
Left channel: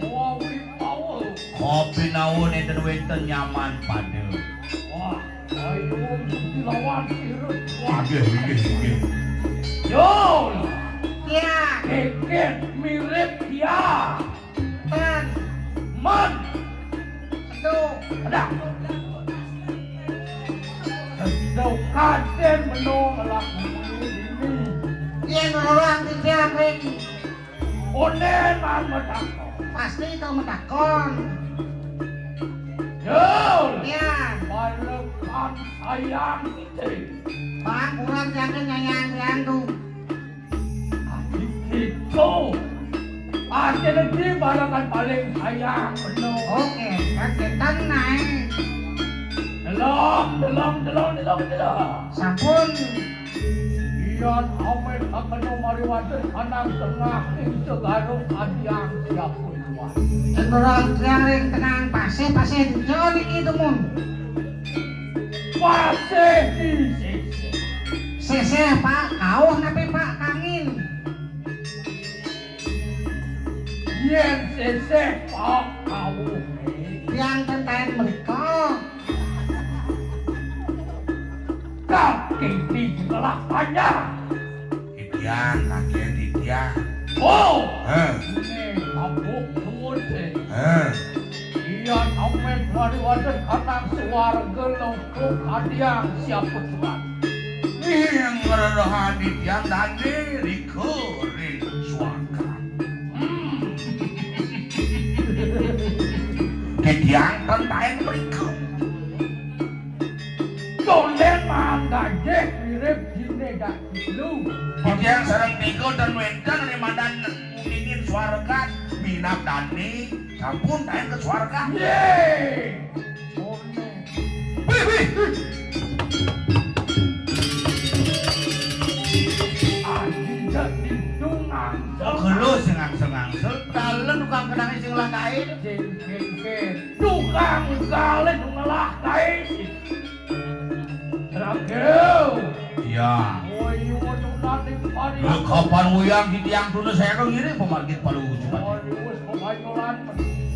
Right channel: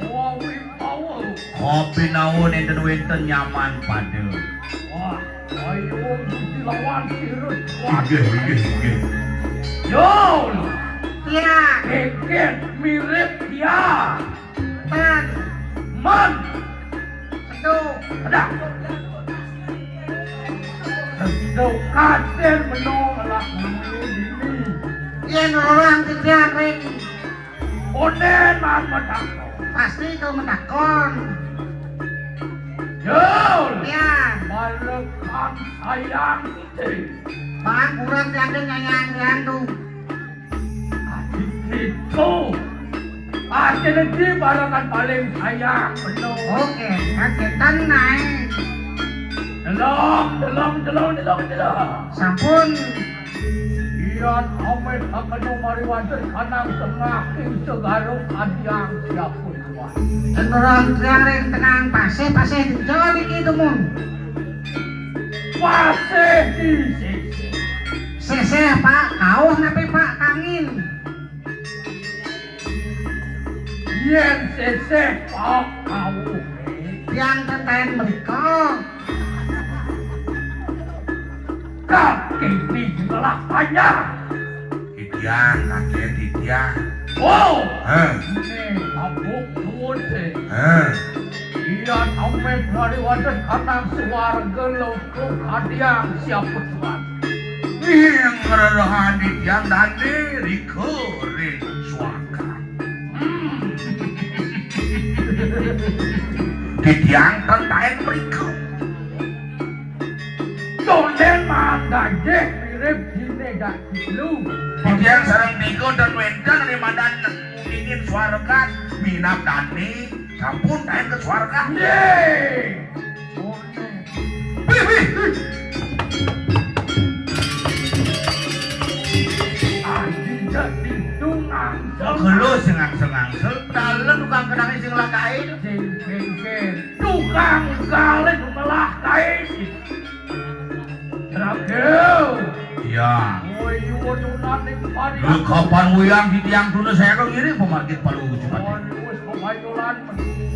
wawi power. Kopi naon enten wenten nyaman pada. Wah, ayo dilawan sirut. Inggih. Yo, Ya, keket mirip dia. dan Man, aduh, ada. Sedok kaden menolak ini. yang orang tidak ring Onen man matako. pasti itu menakon. Yo, Ya, malekam sayang ite. bang kurang tiada nyayang diandu. Itu. Ate nanti balakan paling sayang penuh. Oke, kagetan naik. Delong. Sampun, Iyan amet akan mariwajan kanang tengah ing segaruk adiang siapun tuan. yang orang yang ring tenang pasih jauh itu mun. Pasih di sisi. Sese pak, kau ngapain pak? isih Pak kawuh. Tiang teten mereka. Kaki dibelah banyak. Titian, kakek titian. Oh, Heh, ini kabuk nuwun sih. heh. Iya, ame pariwadan kanang suwarga lautuk adiang siapa tuan. Yang ngererehan titian dani rikurin suaka. Titian tentaen mereka. Dolen manggajek mirip jine dak lu. Titian sareng tiga dan wendan remadan ingin suarga minap dani sampun taen ke suarga. Yeay. Dolen. Wih, wih, wih. Adinda tidungan. Kelo sengang-sengang dalan tukang kenang sing lakain. Tukang kalian melah kais. Rakeu. Iya. Oh, nyuwun nanti padi. Lu kapan uyang di tiang dulu saya kok ngiri pemarkit palu cepat. Oh, wis pemayolan.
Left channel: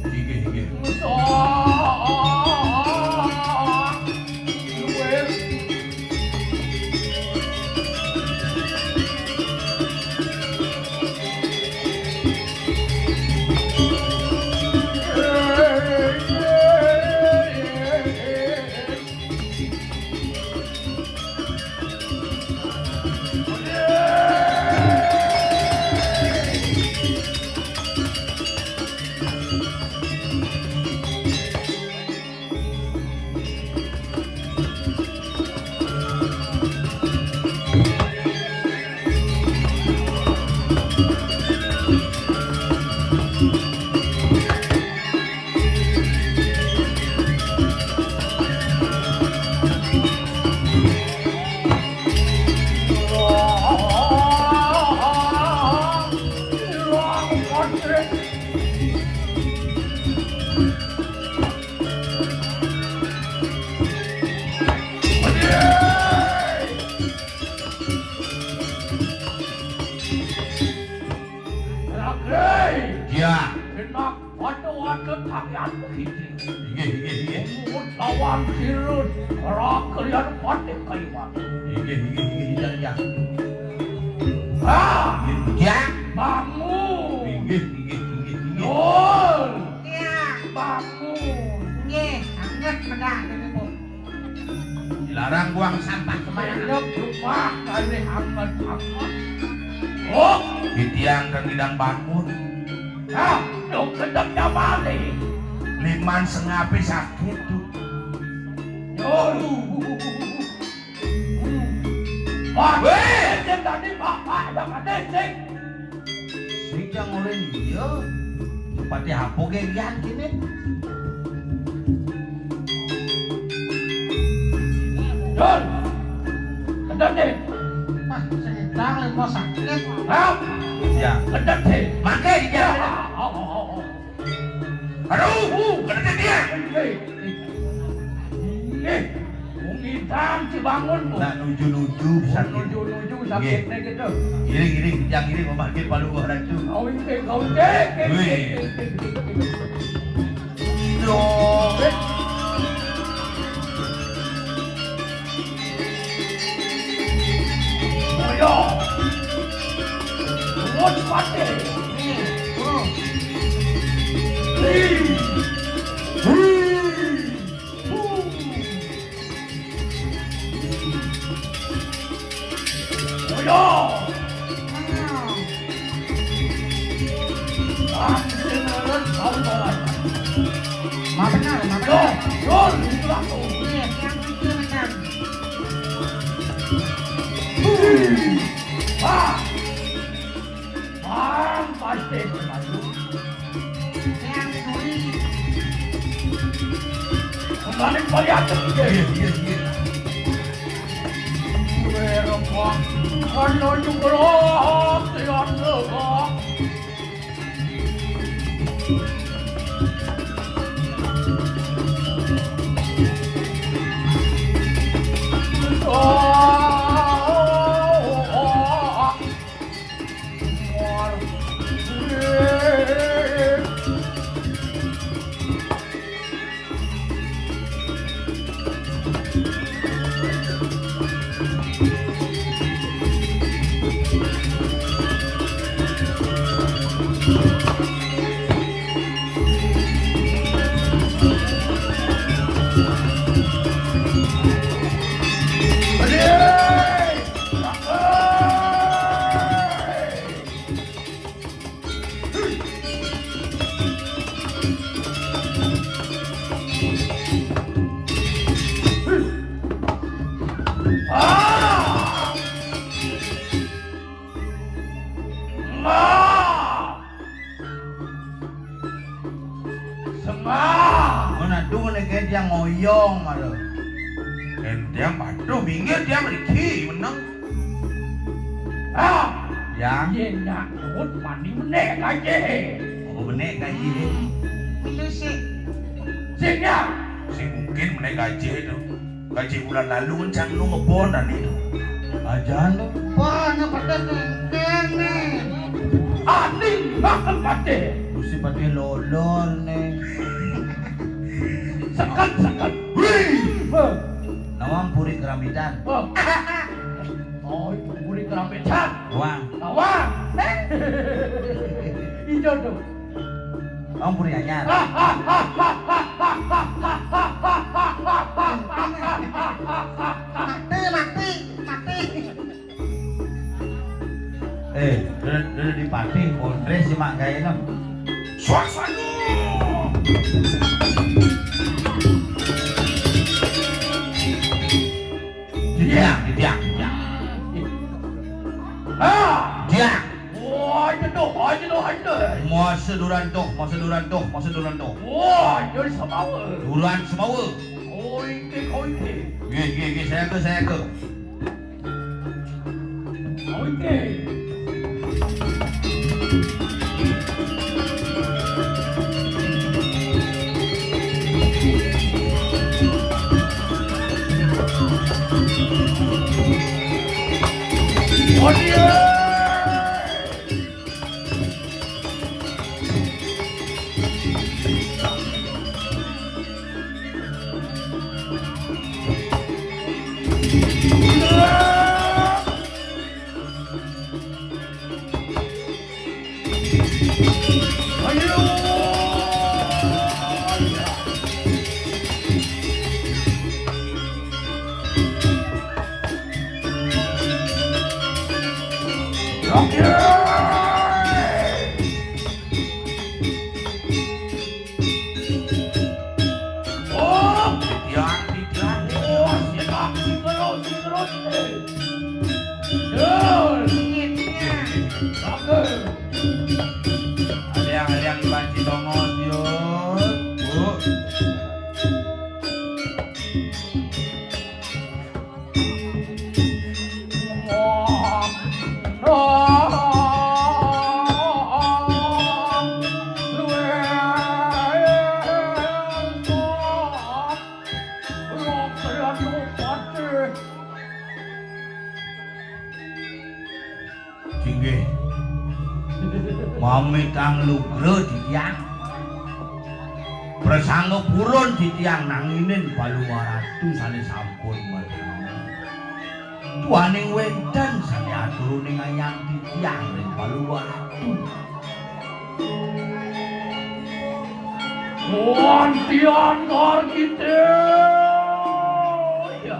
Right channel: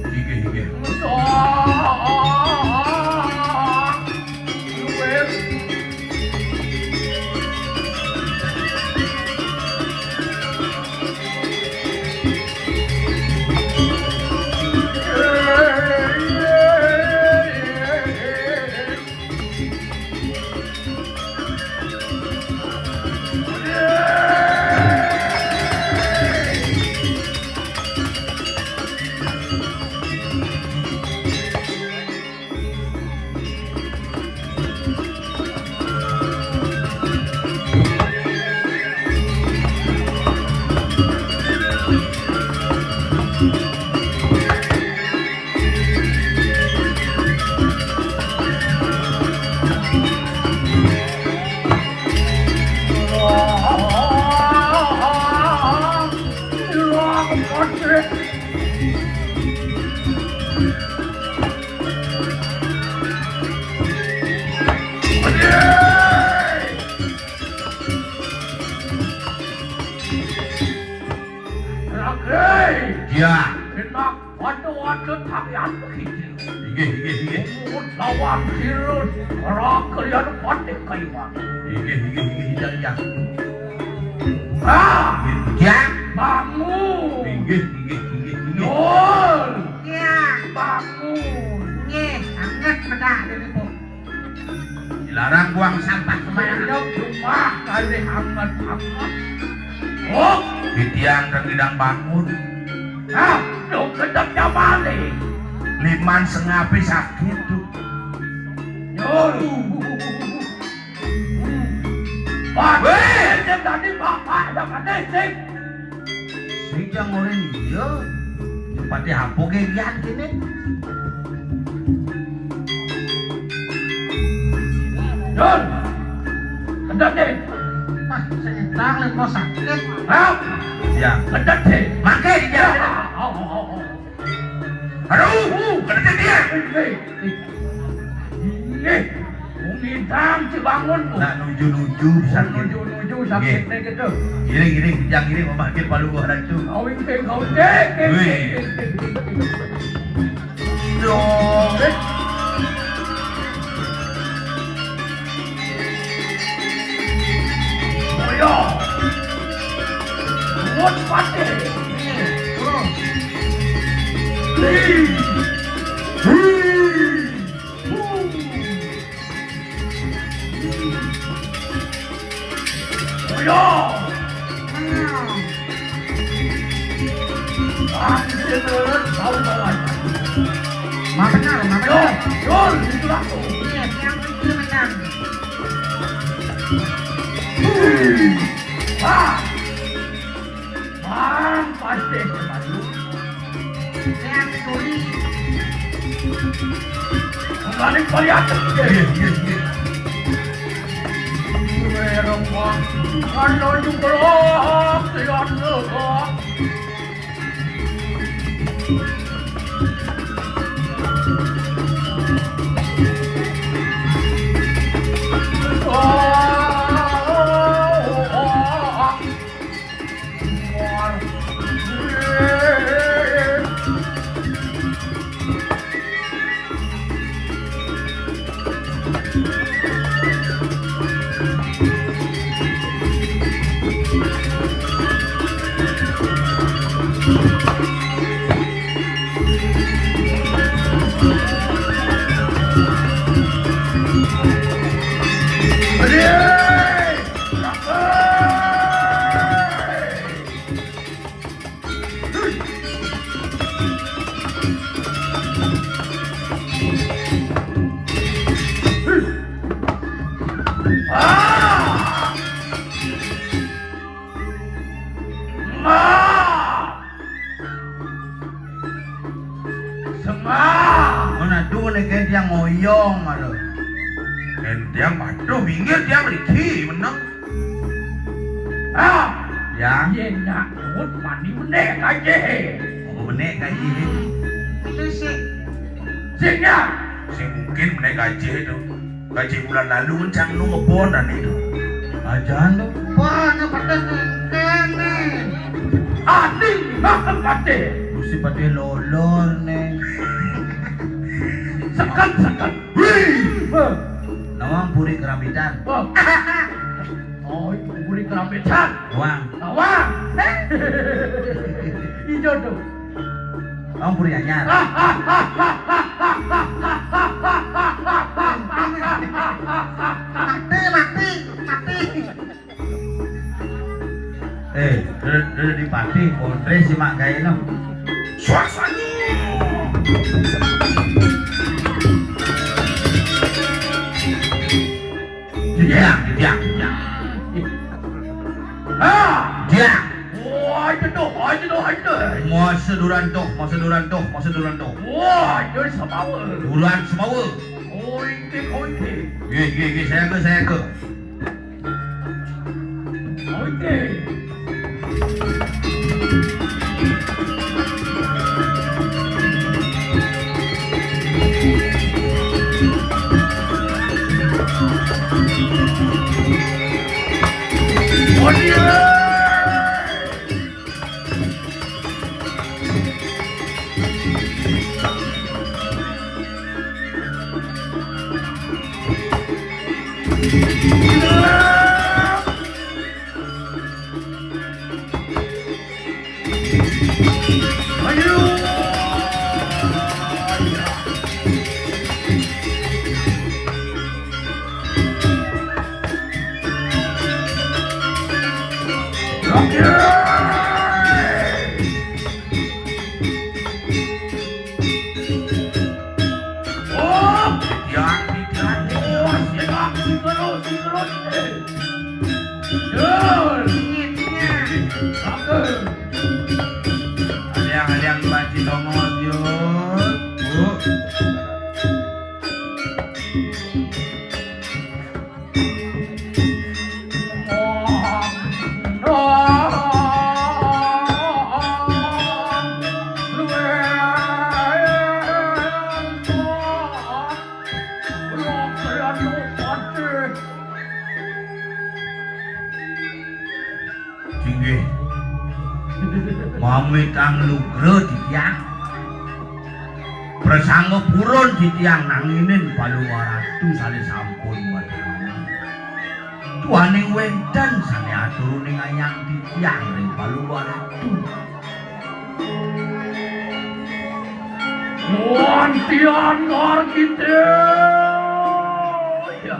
Hige hige. Iya. Enak, waduh tangan kita. Hige hige hige. Lawan sirut, rak kalian pandai kaiwan. Hige hige hige hidang ya. Ah, Ya. bangun. Hige hige hige hige. Yol, Ya, bangun. nge, hangat pada dari bu. Dilarang buang sampah sembarangan. Hidup rumah kali hangat-hangat. Oh, Di tiang dan hidang bangun. ah, lu kedapnya balik. Liman sengapi sakit tuh. Yol. Weh, jangan tadi bapak yang ada sih. Sing jang orang iya. Seperti hapo kayak lihat gini. Yol, kedap deh. Wah, sedang lepo sakit. Ah, Ya. kedap deh. Makai di jalan. Aduh, kena dia. Ini, umidang si bangun tuh. Nak nuju-nuju sakit. Nuju-nuju sakit nih gitu. Giring-giring, kijang-giring memarkir palu gua racu. Kau cek. Wih. Dong. Ayo. Buat pati. Ayo. Ambil kau bawa. Benar, Yo, Yol, itu aku. Iya, yang kecil benar. Ah, pasti selalu. Yang sulit. Kembali kalian. Iya, iya, iya. Kalau di blok, tidak blok. Dia ngoyong aduh. Dia padu minggir dia beriki menang. Ya, Ye nak mut mandi menek aja. benek gaji. Sisi. Singnya. Si mungkin naik gaji itu. Gaji bulan lalu cang nu ngebonan itu. Ajan tuh. Wah, ini pada kene. Aning bakal kate. Mesti pada lolor nih. Sekat. Nawang puri keramitan. Oh, itu buri kerampetan. Nawang. Awak. Ijo tuh. Nawang puri anyar. Mati. Udah di pati, kondres si mak kayak no. Suasana. Dia. Dia. Wah, itu tuh. Mau seduran tuh. Wah, jadi semawa. Bulan semua. Oike. Ye, saya ke. Oike. Oh dia. Aliang banci tongos yuk. Singgih. Mami kang lugro di tiang. Bersanggup purun di tiang nanginin paluwaratu sale sampun madang. Tuaning wenten sane aturuning ayang di tiang ring paluwaratu. Tuan tian ngor kita. Ya.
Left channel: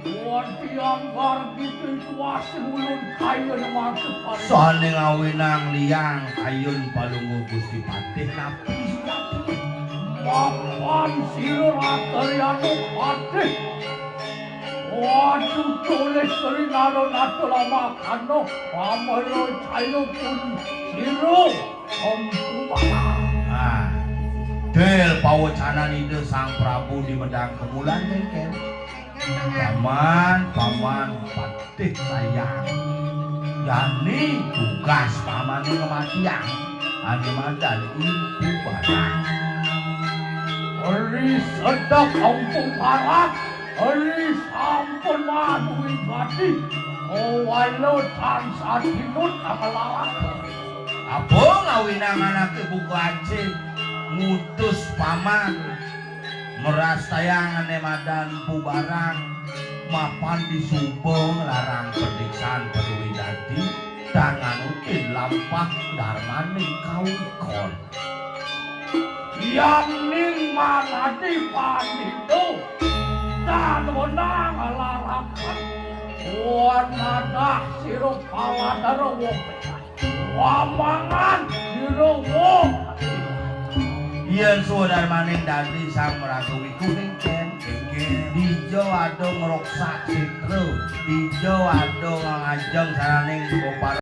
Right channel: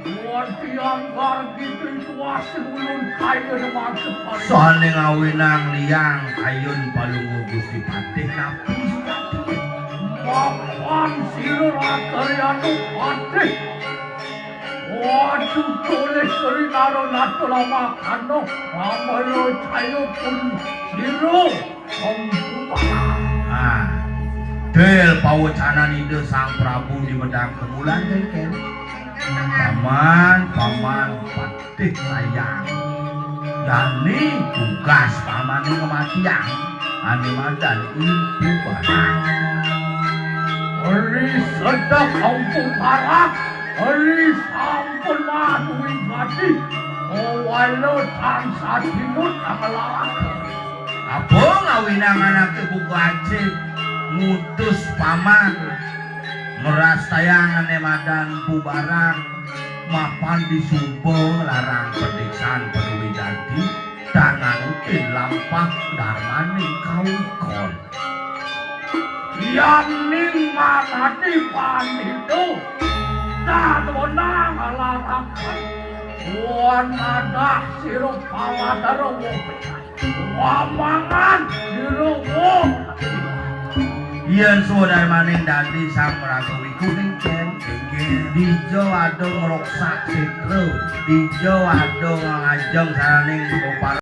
Tuan tian ngor kita tuas sebelum kaya rumah separi. Soale ngawinang liang ayun palungu Gusti Patih kapis. Makan silur akaryanu patih. Waduh tulis sering aro nato lama kano. Amalo cayo pun silur. Ah, del pawacanan ide Sang Prabu di Medang Kemulan kengken. Paman Patih sayang. Yani tugas paman kematian. Ane madan ibu barang. Ori sedap ampun parak. Ori sampun maduin bati. Owalo tansah tinut akalarang. Apa ngawinang anak buku aceh ngutus paman meras tayangan madan bubarang mapan disumpung larang perdiksaan perwi dadi dangan tin lampah darmaning kaukon yang ning manati panito dan menang alarakan wan ada sirup pawataro wamangan dirowo yen sudah maning dadi sang prabu iku ringken dijo adong ngroksak sitro dijo adong ngajeng saraning